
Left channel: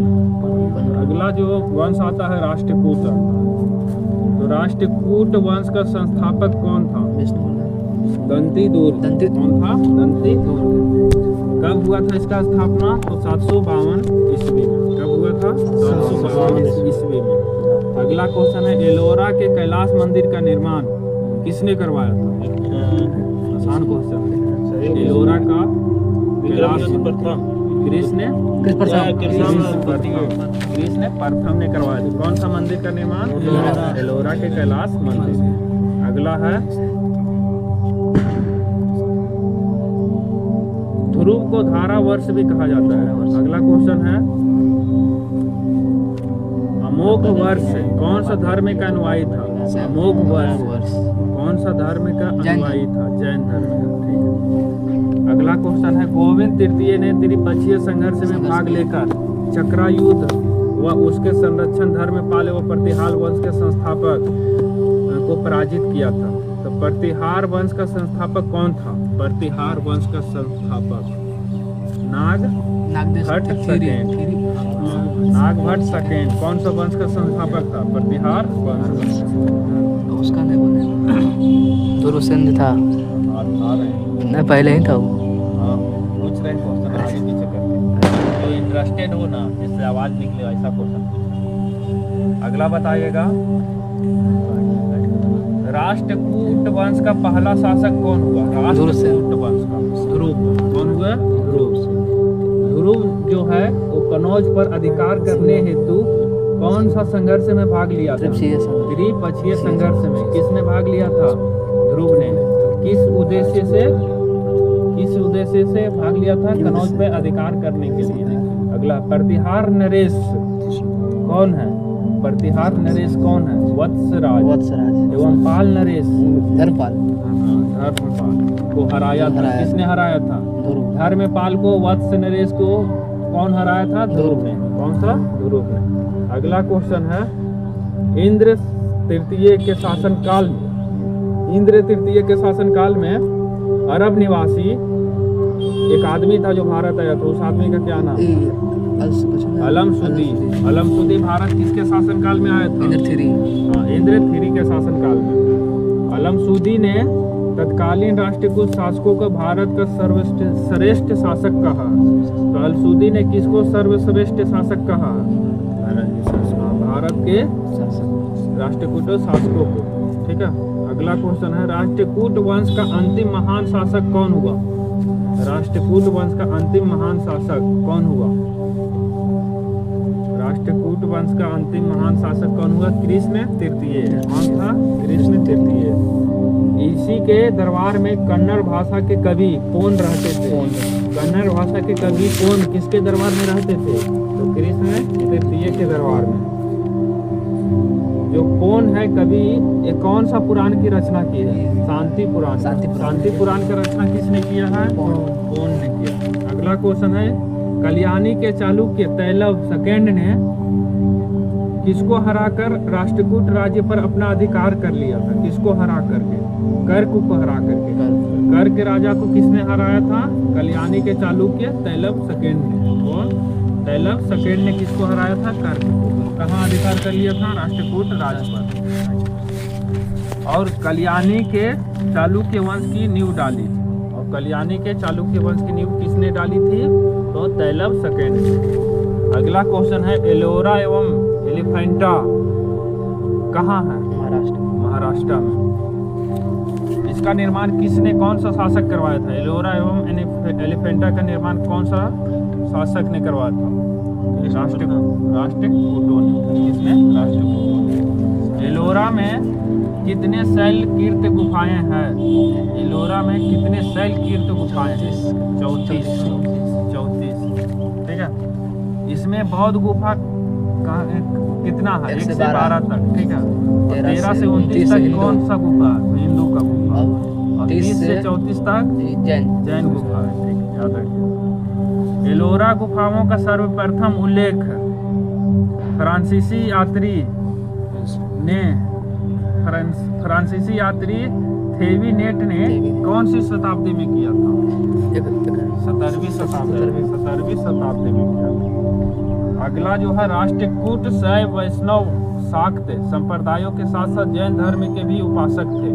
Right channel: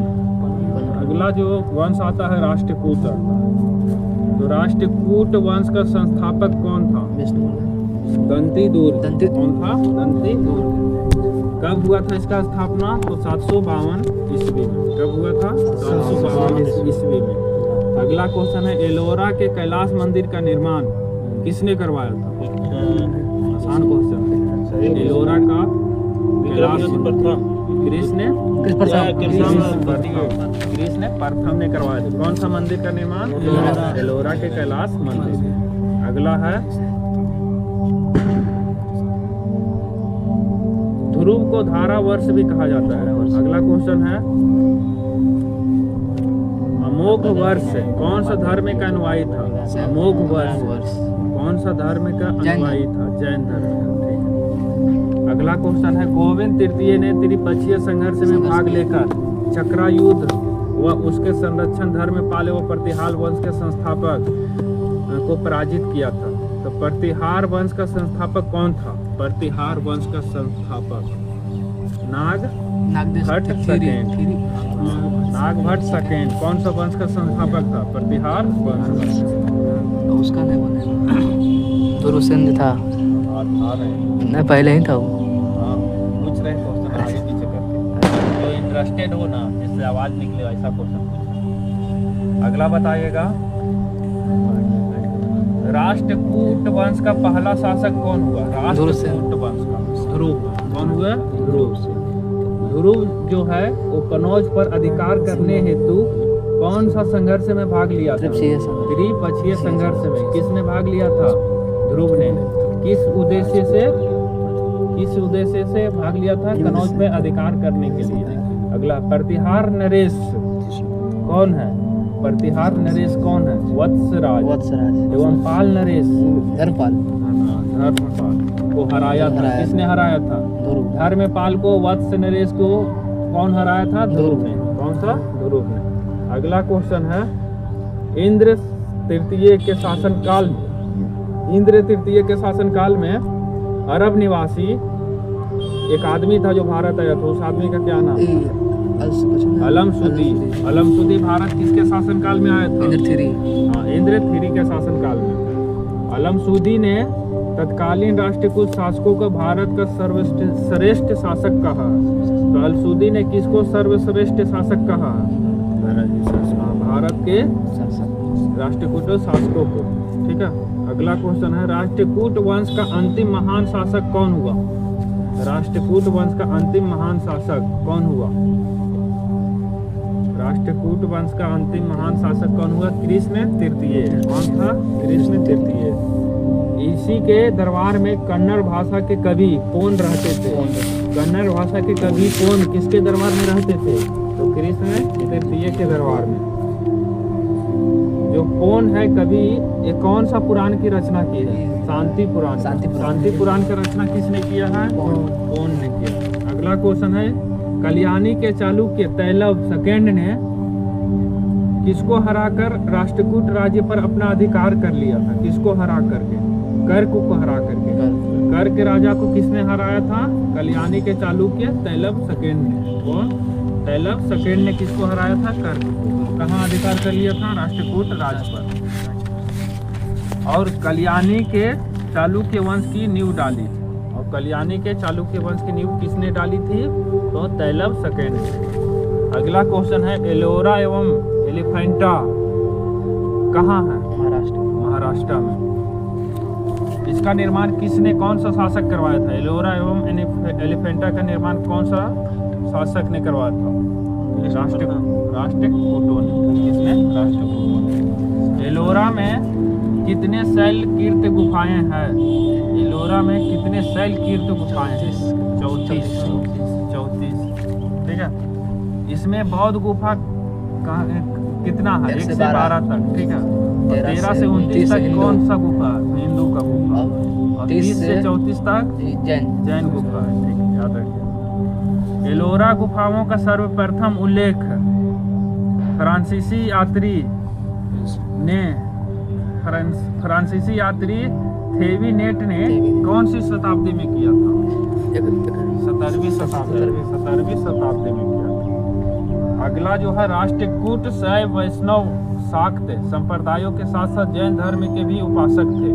अगला जो वंश आता है राष्ट्रकूट आता है। तो राष्ट्रकूट वंश का संस्थापक कौन था? दंतिदुर्ग। कौन था? दंतिदुर्ग। कब हुआ था इसका स्थापना? तो 752 ईस्वी में। कब हुआ था? 752 ईस्वी में। अगला क्वेश्चन है, एलोरा के कैलाश मंदिर का निर्माण किसने करवाया था? आसान क्वेश्चन है। एलोरा का कैलाश कृष्ण प्रथम ने करवाया था। कौन सा मंदिर का निर्माण? एलोरा के कैलाश मंदिर। अगला है, ध्रुव को धारा वर्ष भी कहा जाता है। अगला क्वेश्चन है, अमोघ वर्ष कौन सा धर्म का अनुयायी था? अमोघ वर्ष कौन सा धर्म का अनुयायी था? जैन धर्म का। ठीक है। अगला क्वेश्चन है, गोविंद तृतीय ने त्रिपक्षीय संघर्ष में भाग लेकर चक्रायुद्ध व उसके संरक्षण धर्म पाले व प्रतिहार वंश के संस्थापक को पराजित किया था। तो प्रतिहार वंश का संस्थापक कौन था? प्रतिहार वंश का संस्थापक नागभट्ट सेकेंड। कौन सा वंश का संस्थापक था? प्रतिहार वंश। उसका नहीं दुर्सेन था। नहीं, पहले ही था वो। हाँ, पूछ रहे क्वेश्चन आगे पीछे करके, जो इंटरेस्टेड हो ना, जिससे आवाज निकले ऐसा क्वेश्चन। अगला बताइएगा, राष्ट्रकूट वंश का पहला शासक कौन हुआ? राष्ट्रकूट वंश का ध्रुव। कौन हुआ? ध्रुव। ध्रुव जो है वो कनौज पर अधिकार करने हेतु कौन सा संघर्ष में भाग लिया था? त्रिपक्षीय संघर्ष में। किसने भाग लिया था? ध्रुव ने। किस उद्देश्य से भाग लिया था? कनौज पे अधिकार करने के लिए। अगला, प्रतिहार नरेश कौन है? प्रतिहार नरेश कौन है? वत्सराज एवं पाल नरेश धर्मपाल को हराया था। किसने हराया था? धर्मपाल को। वत्स नरेश को कौन हराया था? ध्रुव ने। कौन सा? ध्रुव ने। अगला क्वेश्चन है, इंद्र तृतीय के शासन काल में अरब निवासी एक आदमी था जो भारत आया था। उस आदमी का क्या नाम? अलमसुदी भारत किसके शासन काल में आया था? इंद्र थ्री के शासन काल में। अलमसुदी ने तत्कालीन राष्ट्रकूट शासकों को भारत का सर्वश्रेष्ठ शासक कहा। तो अलमसुदी ने किसको सर्वश्रेष्ठ शासक कहा? भारत के राष्ट्रकूट शासकों को। ठीक है। अगला क्वेश्चन है, राष्ट्रकूट वंश का अंतिम महान शासक कौन हुआ? राष्ट्रकूट वंश का अंतिम महान शासक कौन हुआ? राष्ट्रकूट वंश का अंतिम महान शासक कौन हुआ? कृष्ण तृतीय। कौन था? कृष्ण तृतीय। इसी के दरबार में कन्नड़ भाषा के कवि कौन रहते थे? कन्नड़ भाषा के कवि कौन किसके दरबार में रहते थे? तो कृष्ण तृतीय के दरबार में। जो कौन है कवि, ये कौन सा पुराण की रचना की है? शांति पुराण। शांति पुराण की रचना किसने किया है? कौन ने किया। अगला क्वेश्चन है, कल्याणी के चालुक्य तैलव सेकेंड ने किसको हराकर राष्ट्रकूट राज्य पर अपना अधिकार कर लिया था? किसको हरा करके? कर्क को हरा करके। कर्क के राजा को किसने हराया था? कल्याणी के चालुक्य तैलव सेकेंड ने। कौन? तैलव सेकेंड ने किसको हराया था? कर्क को। कहाँ अधिकार कर लिया था? राष्ट्रकूट राज पर। और कल्याणी के चालुक्य वंश की नींव डाली। और कल्याणी के चालुक्य वंश की नींव किसने डाली थी? तो तैलव सेकेंड ने। अगला क्वेश्चन है एलोरा एवं एलिफेंटा कहाँ है? महाराष्ट्र में। इसका निर्माण किसने, कौन सा शासक करवाया था? एलोरा एवं एलिफेंटा का निर्माण कौन सा शासक ने करवाया था? राष्ट्रकूटों ने। किसने? राष्ट्रकूटों ने। एलोरा में कितने शैल कीर्त गुफाएं हैं? एलोरा में कितने शैल कीर्त गुफाएं? 34। ठीक है। इसमें बौद्ध गुफा कितना है? 1 से 12 तक। ठीक है। 13 से 29 तक कौन सा गुफा? हिंदू का गुफा। और 30 से 34 तक जैन गुफा है। ठीक है, याद रखिए। एलोरा गुफाओं का सर्वप्रथम उल्लेख फ्रांसीसी यात्री थेविनेट ने कौन सी शताब्दी में किया था? 17वीं शताब्दी में किया था। अगला जो है राष्ट्रकूट शैव वैष्णव शाक्त संप्रदायों के साथ साथ जैन धर्म के भी उपासक थे।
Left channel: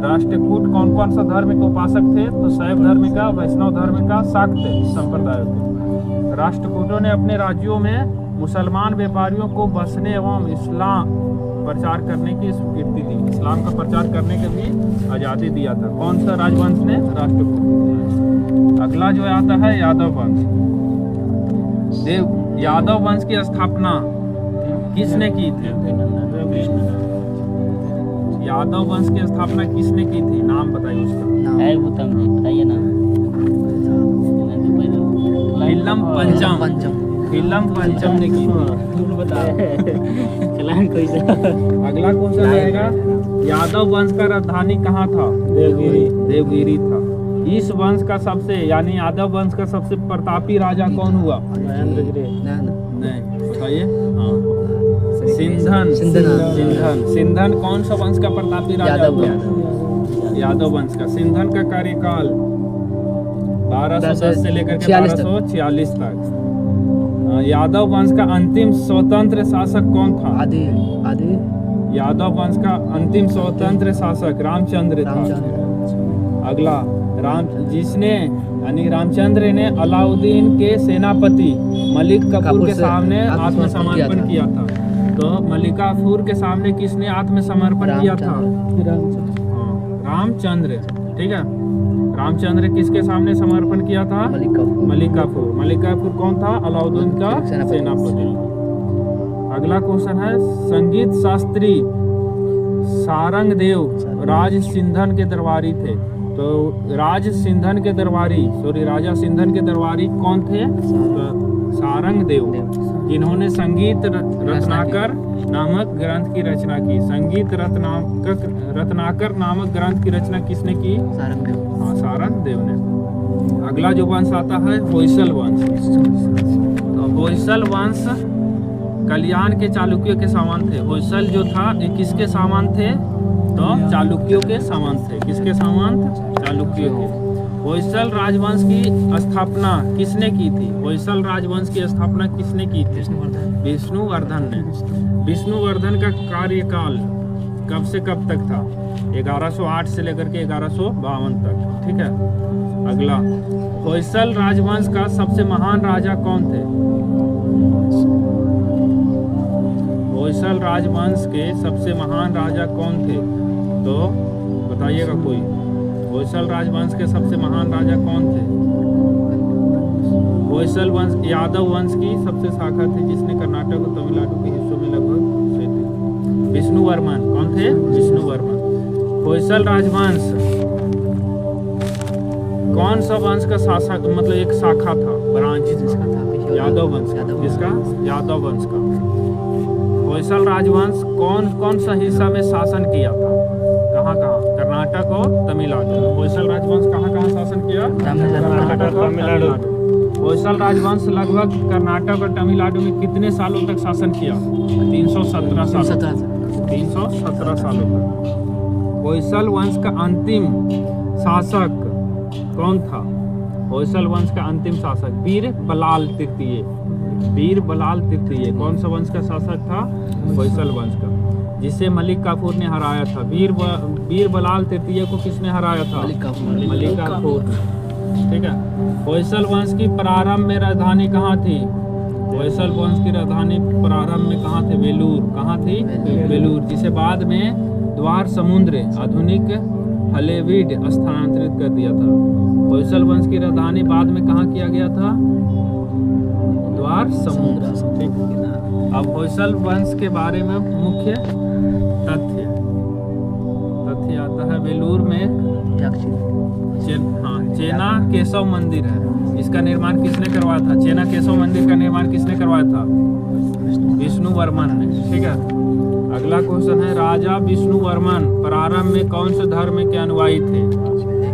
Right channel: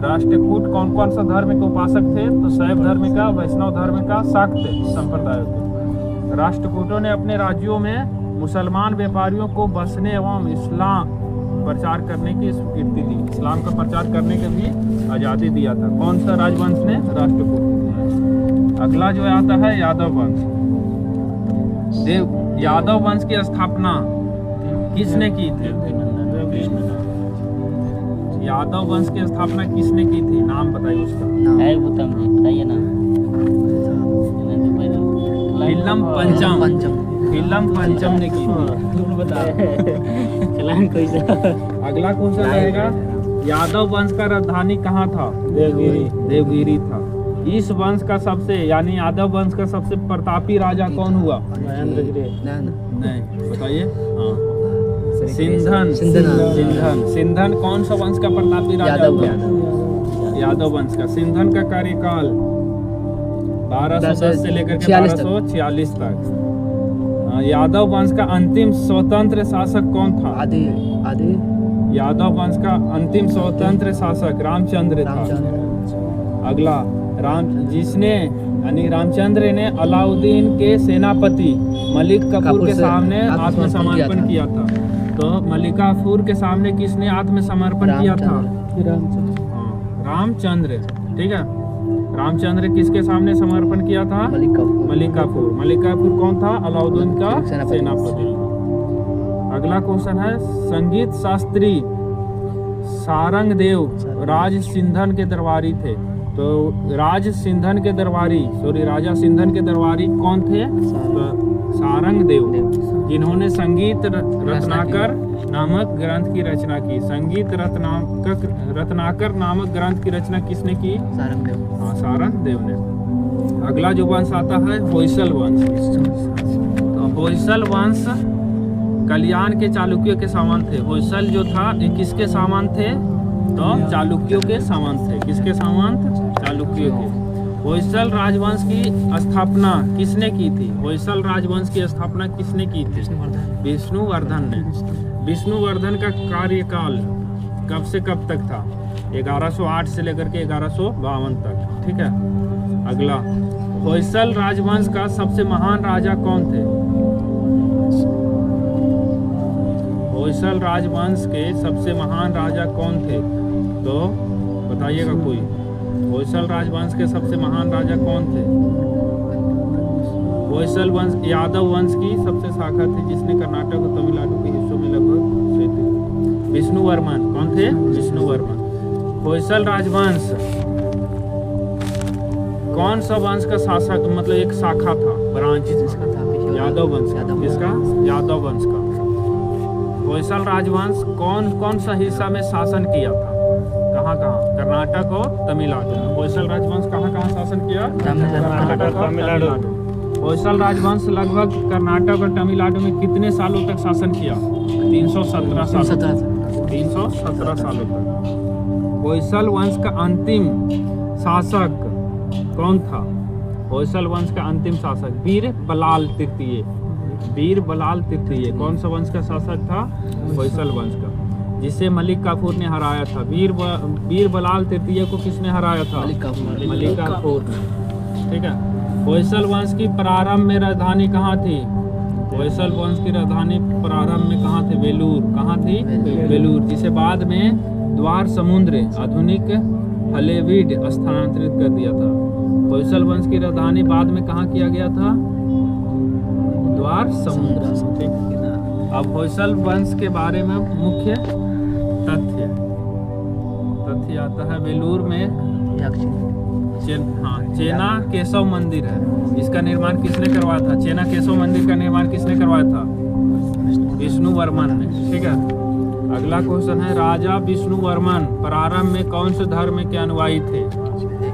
राष्ट्रकूट कौन कौन सा धर्म के उपासक थे? तो शैव धर्म का, वैष्णव धर्म का, शाक्त संप्रदायों के। राष्ट्रकूटों ने अपने राज्यों में मुसलमान व्यापारियों को बसने एवं इस्लाम प्रचार करने की स्वीकृति दी। इस्लाम का प्रचार करने के भी आज़ादी दिया था। कौन सा राजवंश ने? राष्ट्रकूट। अगला जो आता है यादव वंश। यादव वंश की स्थापना किसने की थी? यादव वंश की स्थापना किसने की थी? नाम बताइए उसका। बताइए ना। फिल्म पंचम ने की थी। अगला क्वेश्चन रहेगा यादव वंश का राजधानी कहाँ था? देवगिरी था। इस वंश का सबसे, यानी यादव वंश का सबसे प्रतापी राजा कौन हुआ? नहीं, बताइए। हाँ, सिंधन कौन सा वंश का प्रतापी राजा हुआ? यादव वंश का। सिंधन का कार्यकाल 1210 से लेकर के 1246 तक। यादव वंश का अंतिम स्वतंत्र शासक कौन था? यादव वंश का अंतिम स्वतंत्र शासक रामचंद्र था। अगला रामचंद्र ने अलाउद्दीन के सेनापति मलिक कफूर के सामने आत्मसमर्पण किया था। तो मलिक कफूर के सामने किसने आत्मसमर्पण किया था? रामचंद्र। ठीक है। रामचंद्र किसके सामने समर्पण किया था? मलिक कफूर। मलिक कफूर कौन था? अलाउद्दीन का सेनापति। अगला क्वेश्चन है संगीत शास्त्री सारंग देव राज सिंधन के दरबारी थे। तो राजा सिंधन के दरबारी कौन थे? तो सारंग देव, जिन्होंने संगीत रत्नाकर नामक ग्रंथ की रचना की। संगीत रत्नाकर नामक ग्रंथ की रचना किसने की? सारंग देव ने। अगला जो वंश आता है होयसल वंश। तो होयसल वंश कल्याण के चालुक्यों के समान थे। होयसल जो था ये किसके समान थे? तो चालुक्यों के समान थे। किसके समान? चालुक्यों के। होयसल राजवंश की स्थापना किसने की थी? होयसल राजवंश की स्थापना किसने की थी? विष्णुवर्धन ने। विष्णुवर्धन का कार्यकाल कब से कब तक था? 1108 से लेकर के 1152 तक। ठीक है। अगला होयसल राजवंश का सबसे महान राजा कौन थे? होयसल राजवंश के सबसे महान राजा कौन थे? तो बताइएगा कोई। होयसल राजवंश के सबसे महान राजा कौन थे? होयसल वंश यादव वंश की सबसे शाखा थी जिसने कर्नाटक और तमिलनाडु के हिस्सों में लगभग विष्णुवर्मन। कौन थे? विष्णुवर्मन। होयसल राजवंश कौन सा वंश का शासक, मतलब एक शाखा था, ब्रांच यादव वंश। किसका? यादव वंश का। होयसल राजवंश कौन सा हिस्सा में शासन किया था? कहाँ? कर्नाटक और तमिलनाडु में। होयसल राजवंश कहाँ शासन किया? कर्नाटक और तमिलनाडु। होयसल राजवंश लगभग कर्नाटक और तमिलनाडु में कितने सालों तक शासन किया? 317 सालों तक। होयसल वंश का अंतिम शासक कौन था? होयसल वंश का अंतिम शासक वीर बलाल तृतीय। वीर बलाल तृतीय कौन सा वंश का शासक था? होयसल वंश का, जिसे मलिक काफूर ने हराया था। वीर बलाल तृतीय को किसने हराया था? मलिक काफूर ने। ठीक है। होयसल वंश की प्रारंभ में राजधानी कहाँ थी? होयसल वंश की राजधानी प्रारंभ में कहाँ थे? बेलूर। कहाँ थी? बेलूर, जिसे बाद में द्वार समुद्र आधुनिक हलेवीड स्थानांतरित कर दिया था। होयसल वंश की राजधानी बाद में कहाँ किया गया था? द्वार समुद्र। ठीक। अब होयसल वंश के बारे में मुख्य तथ्य आता है। बेलूर में चेना केशव मंदिर है। इसका निर्माण किसने करवाया था? चेना केशव मंदिर का निर्माण किसने करवाया था? विष्णु वर्मन ने। ठीक है। अगला क्वेश्चन है, राजा विष्णु वर्मन प्रारंभ में कौन से धर्म के अनुयायी थे?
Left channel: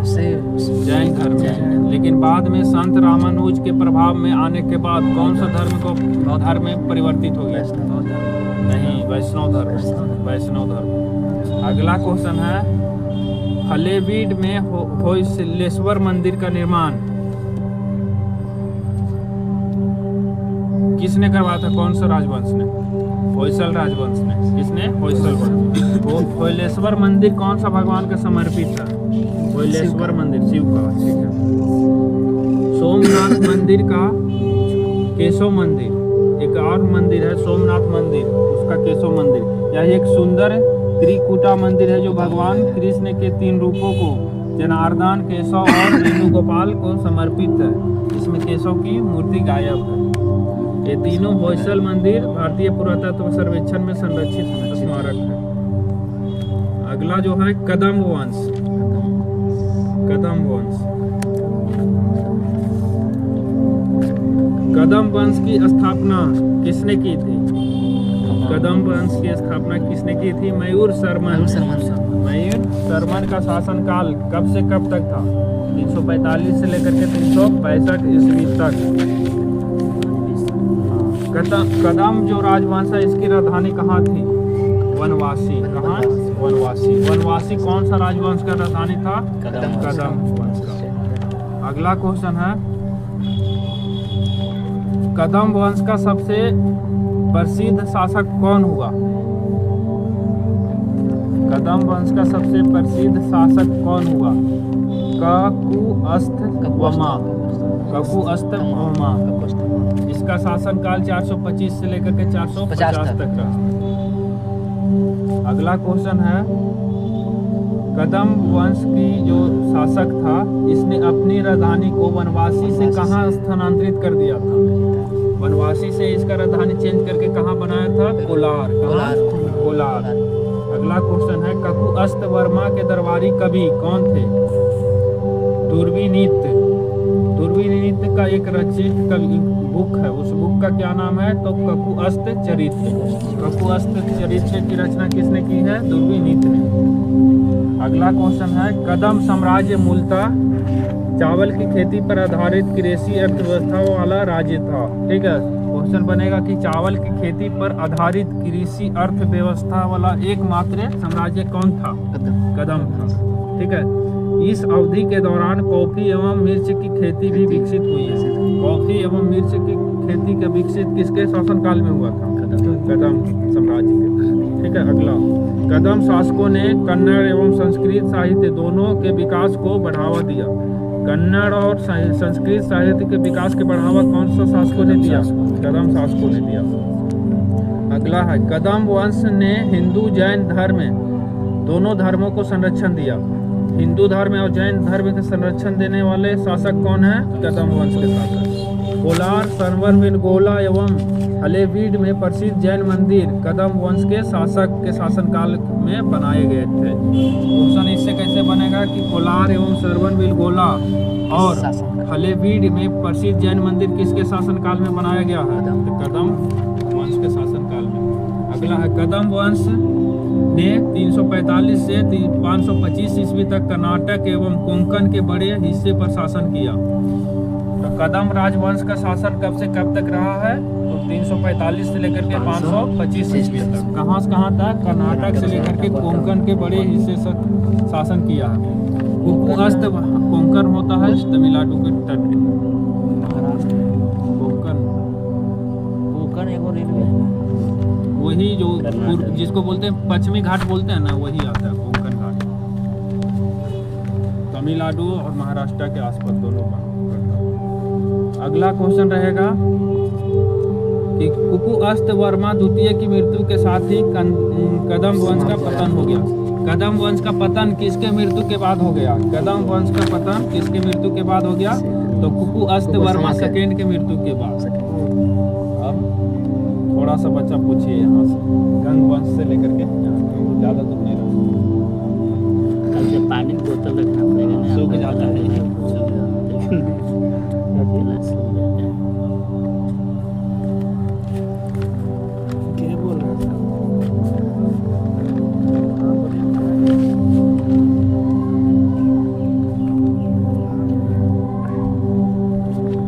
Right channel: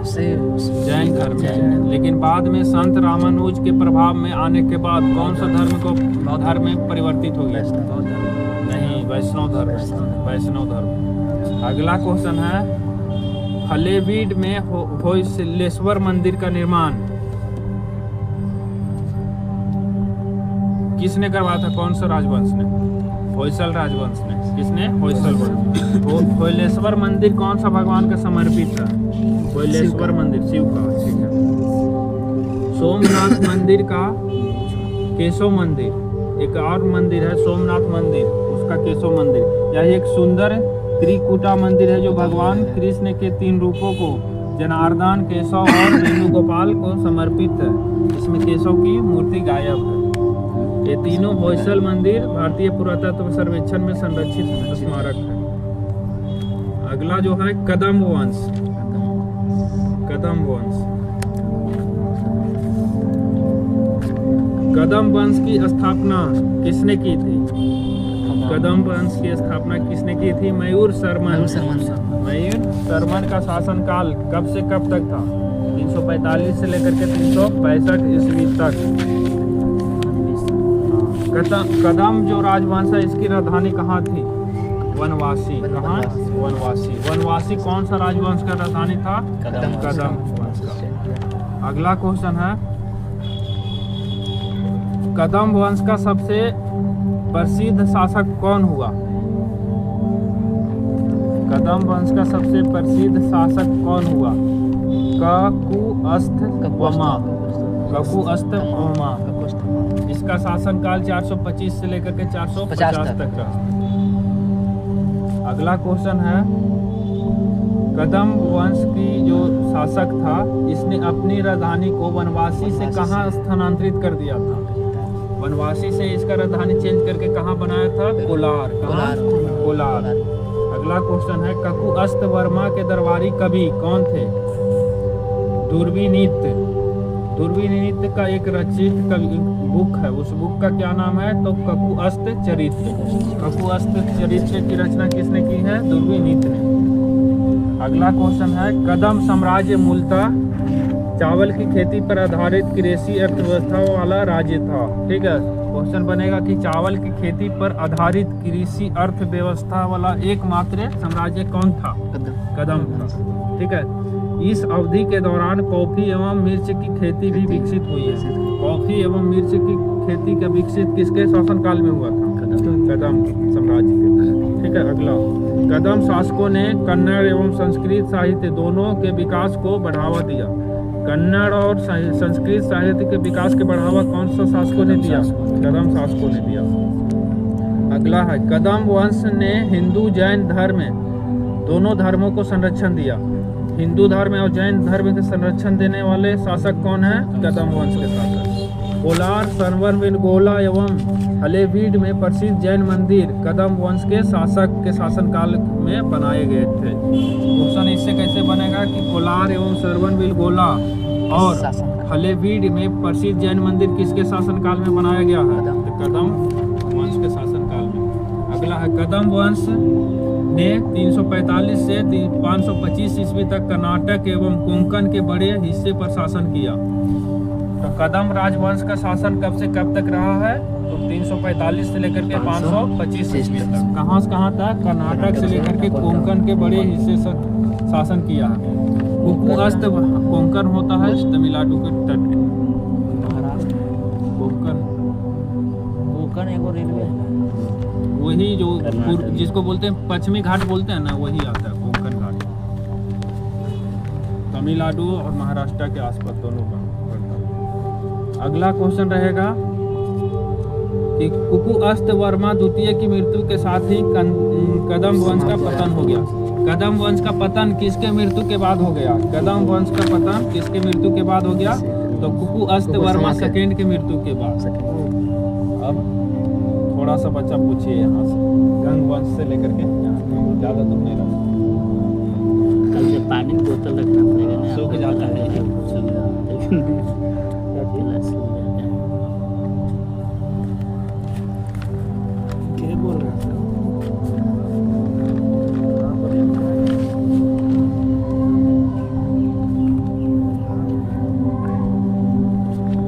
जैन धर्म में। लेकिन बाद में संत रामानुज के प्रभाव में आने के बाद कौन सा धर्म में परिवर्तित हो गया? नहीं, वैष्णव धर्म। अगला क्वेश्चन है, हलेवीड में होयसलेश्वर मंदिर का निर्माण किसने करवाया था? कौन सा राजवंश ने? होयसल राजवंश ने। किसने? होयसल वंश। होयलेश्वर मंदिर कौन सा भगवान का समर्पित है? होयलेश्वर मंदिर शिव का। ठीक है। सोमनाथ मंदिर का केशव मंदिर, एक और मंदिर है सोमनाथ मंदिर, उसका केशव मंदिर। यह एक सुंदर त्रिकुटा मंदिर है जो भगवान कृष्ण के 3 रूपों को जनार्दन, केशव और वेणुगोपाल को समर्पित है। इसमें केशव की मूर्ति गायब है। ये तीनों होयसल मंदिर भारतीय पुरातत्व सर्वेक्षण में संरक्षित स्मारक है। अगला जो है कदम वंश। कदम वंश की स्थापना किसने की थी? कदम वंश की स्थापना किसने की थी? मयूर शर्मन का शासनकाल कब से कब तक था? 345 से लेकर के 365 ईस्वी तक। कदम जो राजवंश है इसकी राजधानी कहाँ थी? वनवासी। कहाँ? वनवासी कौन सा राजवंश का राजधानी था? कदम वंश का। अगला क्वेश्चन है, कदम वंश का सबसे प्रसिद्ध शासक कौन हुआ? कदम वंश का सबसे प्रसिद्ध शासक कौन हुआ? ककुअस्तवमा। इसका शासनकाल 425 से लेकर के 450 तक रहा। अगला क्वेश्चन है, कदम वंश की जो शासक था इसने अपनी राजधानी को वनवासी से कहाँ स्थानांतरित कर दिया था? वनवासी से इसका राजधानी चेंज करके कहाँ बनाया था? कोलार। अगला क्वेश्चन है, ककुअस्तवर्मा के दरबारी कवि कौन थे? दुर्विनीत का एक रचित बुक है, उस बुक का क्या नाम है? तो ककुअस्त चरित्र की रचना किसने की है? दुर्विनीत ने। अगला क्वेश्चन है, कदम साम्राज्य मूलतः चावल की खेती पर आधारित कृषि अर्थव्यवस्था वाला राज्य था। ठीक है। क्वेश्चन बनेगा कि चावल की खेती पर आधारित कृषि अर्थव्यवस्था वाला एकमात्र साम्राज्य कौन था? कदम था। ठीक है। इस अवधि के दौरान कॉफी एवं मिर्च की खेती भी विकसित हुई है। कॉफी एवं मिर्च की खेती का विकसित किसके शासनकाल में हुआ था? कदम साम्राज्य के। ठीक है। अगला, कदम शासकों ने कन्नड़ एवं संस्कृत साहित्य दोनों के विकास को बढ़ावा दिया। कन्नड़ और संस्कृत साहित्य के विकास के बढ़ावा कौन सा शासकों ने दिया? कदम शासकों ने दिया। अगला है, कदम वंश ने हिंदू जैन धर्म दोनों धर्मों को संरक्षण दिया। हिंदू धर्म और जैन धर्म के संरक्षण देने वाले शासक कौन है? कदम वंश के शासक। कोलार, सर्वनविलगोला एवं हलेवीड में प्रसिद्ध जैन मंदिर कदम वंश के शासक के शासनकाल में बनाए गए थे। क्वेश्चन इससे कैसे बनेगा कि कोलार एवं सर्वनविलगोला और हलेवीड में प्रसिद्ध जैन मंदिर किसके शासनकाल में बनाया गया है? तो कदम वंश के शासनकाल में। अगला है, कदम वंश ने 345 से 525 ईस्वी तक कर्नाटक एवं कोंकण के बड़े हिस्से पर शासन किया। तो कदम राजवंश का शासन कब से कब तक रहा है? तो 345 से लेकर के 525 ईस्वी तक। कहाँ से कहाँ तक? कर्नाटक से लेकर के कोंकण के बड़े हिस्से तक शासन किया है। कोंकण होता है तमिलनाडु के तट पे। महाराष्ट्र कोंकण कोंकण एगो रेलवे है ना। वही जो जिसको बोलते हैं पश्चिमी घाट बोलते हैं ना, वही आता है कोंकण घाट। तमिलनाडु और महाराष्ट्र के आसपास दोनों का पड़ता है। अगला क्वेश्चन रहेगा कि कुकु अस्त वर्मा द्वितीय की मृत्यु के साथ ही कदम वंश का पतन हो गया। कदम वंश का पतन किसके मृत्यु के बाद हो गया? कदम वंश का पतन किसके मृत्यु के बाद हो गया? तो कुकु अस्त वर्मा सेकेंड के मृत्यु के बाद। अब थोड़ा सा बच्चा पूछिए यहाँ से, गंग वंश से लेकर के यहाँ, ज़्यादा दूर नहीं रहा। कल से पानी की बोतल रखना पड़ेगा ना, सूख जाता है। क्या बोल रहा था?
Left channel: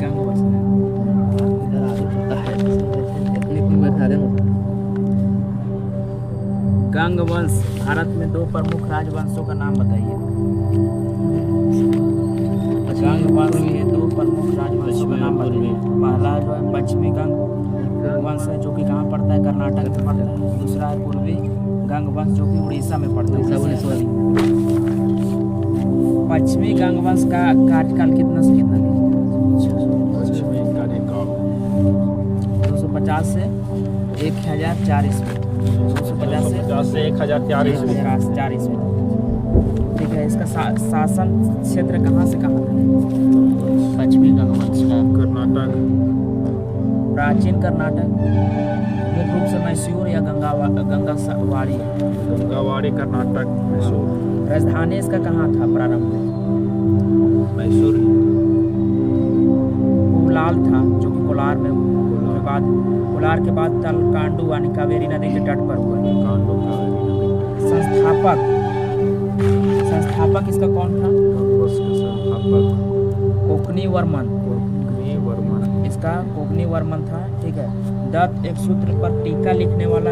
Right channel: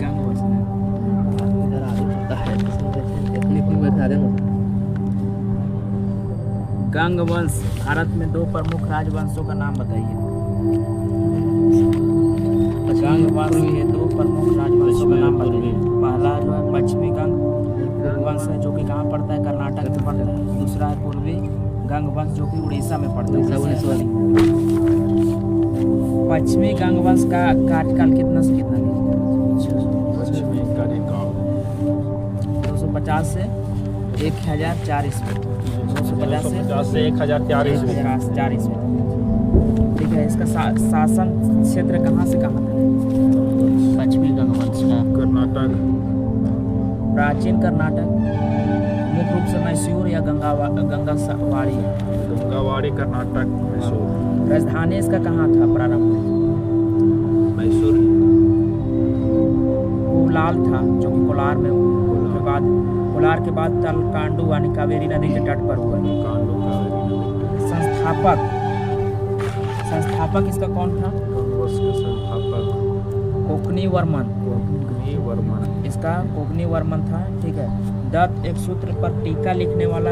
गंग वंश में इधर आगे पता है, टेक्निक में बैठा देना। गंग वंश भारत में दो प्रमुख राजवंशों का नाम बताइए। गंग वंश के दो प्रमुख राजवंशों का नाम बताइए। पहला जो है पश्चिमी गंग वंश है, जो कि कहाँ पड़ता है? कर्नाटक में पड़ता है। दूसरा है पूर्वी गंग वंश, जो कि उड़ीसा में पड़ता है। पश्चिमी गंग वंश का कार्यकाल कितना से कितना है? पश्चिमी कार्यकाल 250 से 1004 ईस्वी। 250 से 1004 ईस्वी। 1004 ईस्वी। ठीक है, इसका शासन क्षेत्र कहाँ से कहाँ था? पश्चिमी गंगवंश का कर्नाटक, प्राचीन कर्नाटक, मुख्य रूप से मैसूर या गंगावाड़ी। गंगावाड़ी कर्नाटक, मैसूर। राजधानी इसका कहाँ था प्रारंभ में? मैसूर कोलार था, जो कि कोलार के बाद तलकांडू यानी कावेरी नदी के तट पर हुआ। कांडो कावेरी नदी। संस्थापक इसका कौन था? गंगवंश के संस्थापक कोकनी वर्मन। कोकनी वर्मन। इसका कोकनी वर्मन था। ठीक है, दत्त एक सूत्र पर टीका लिखने वाला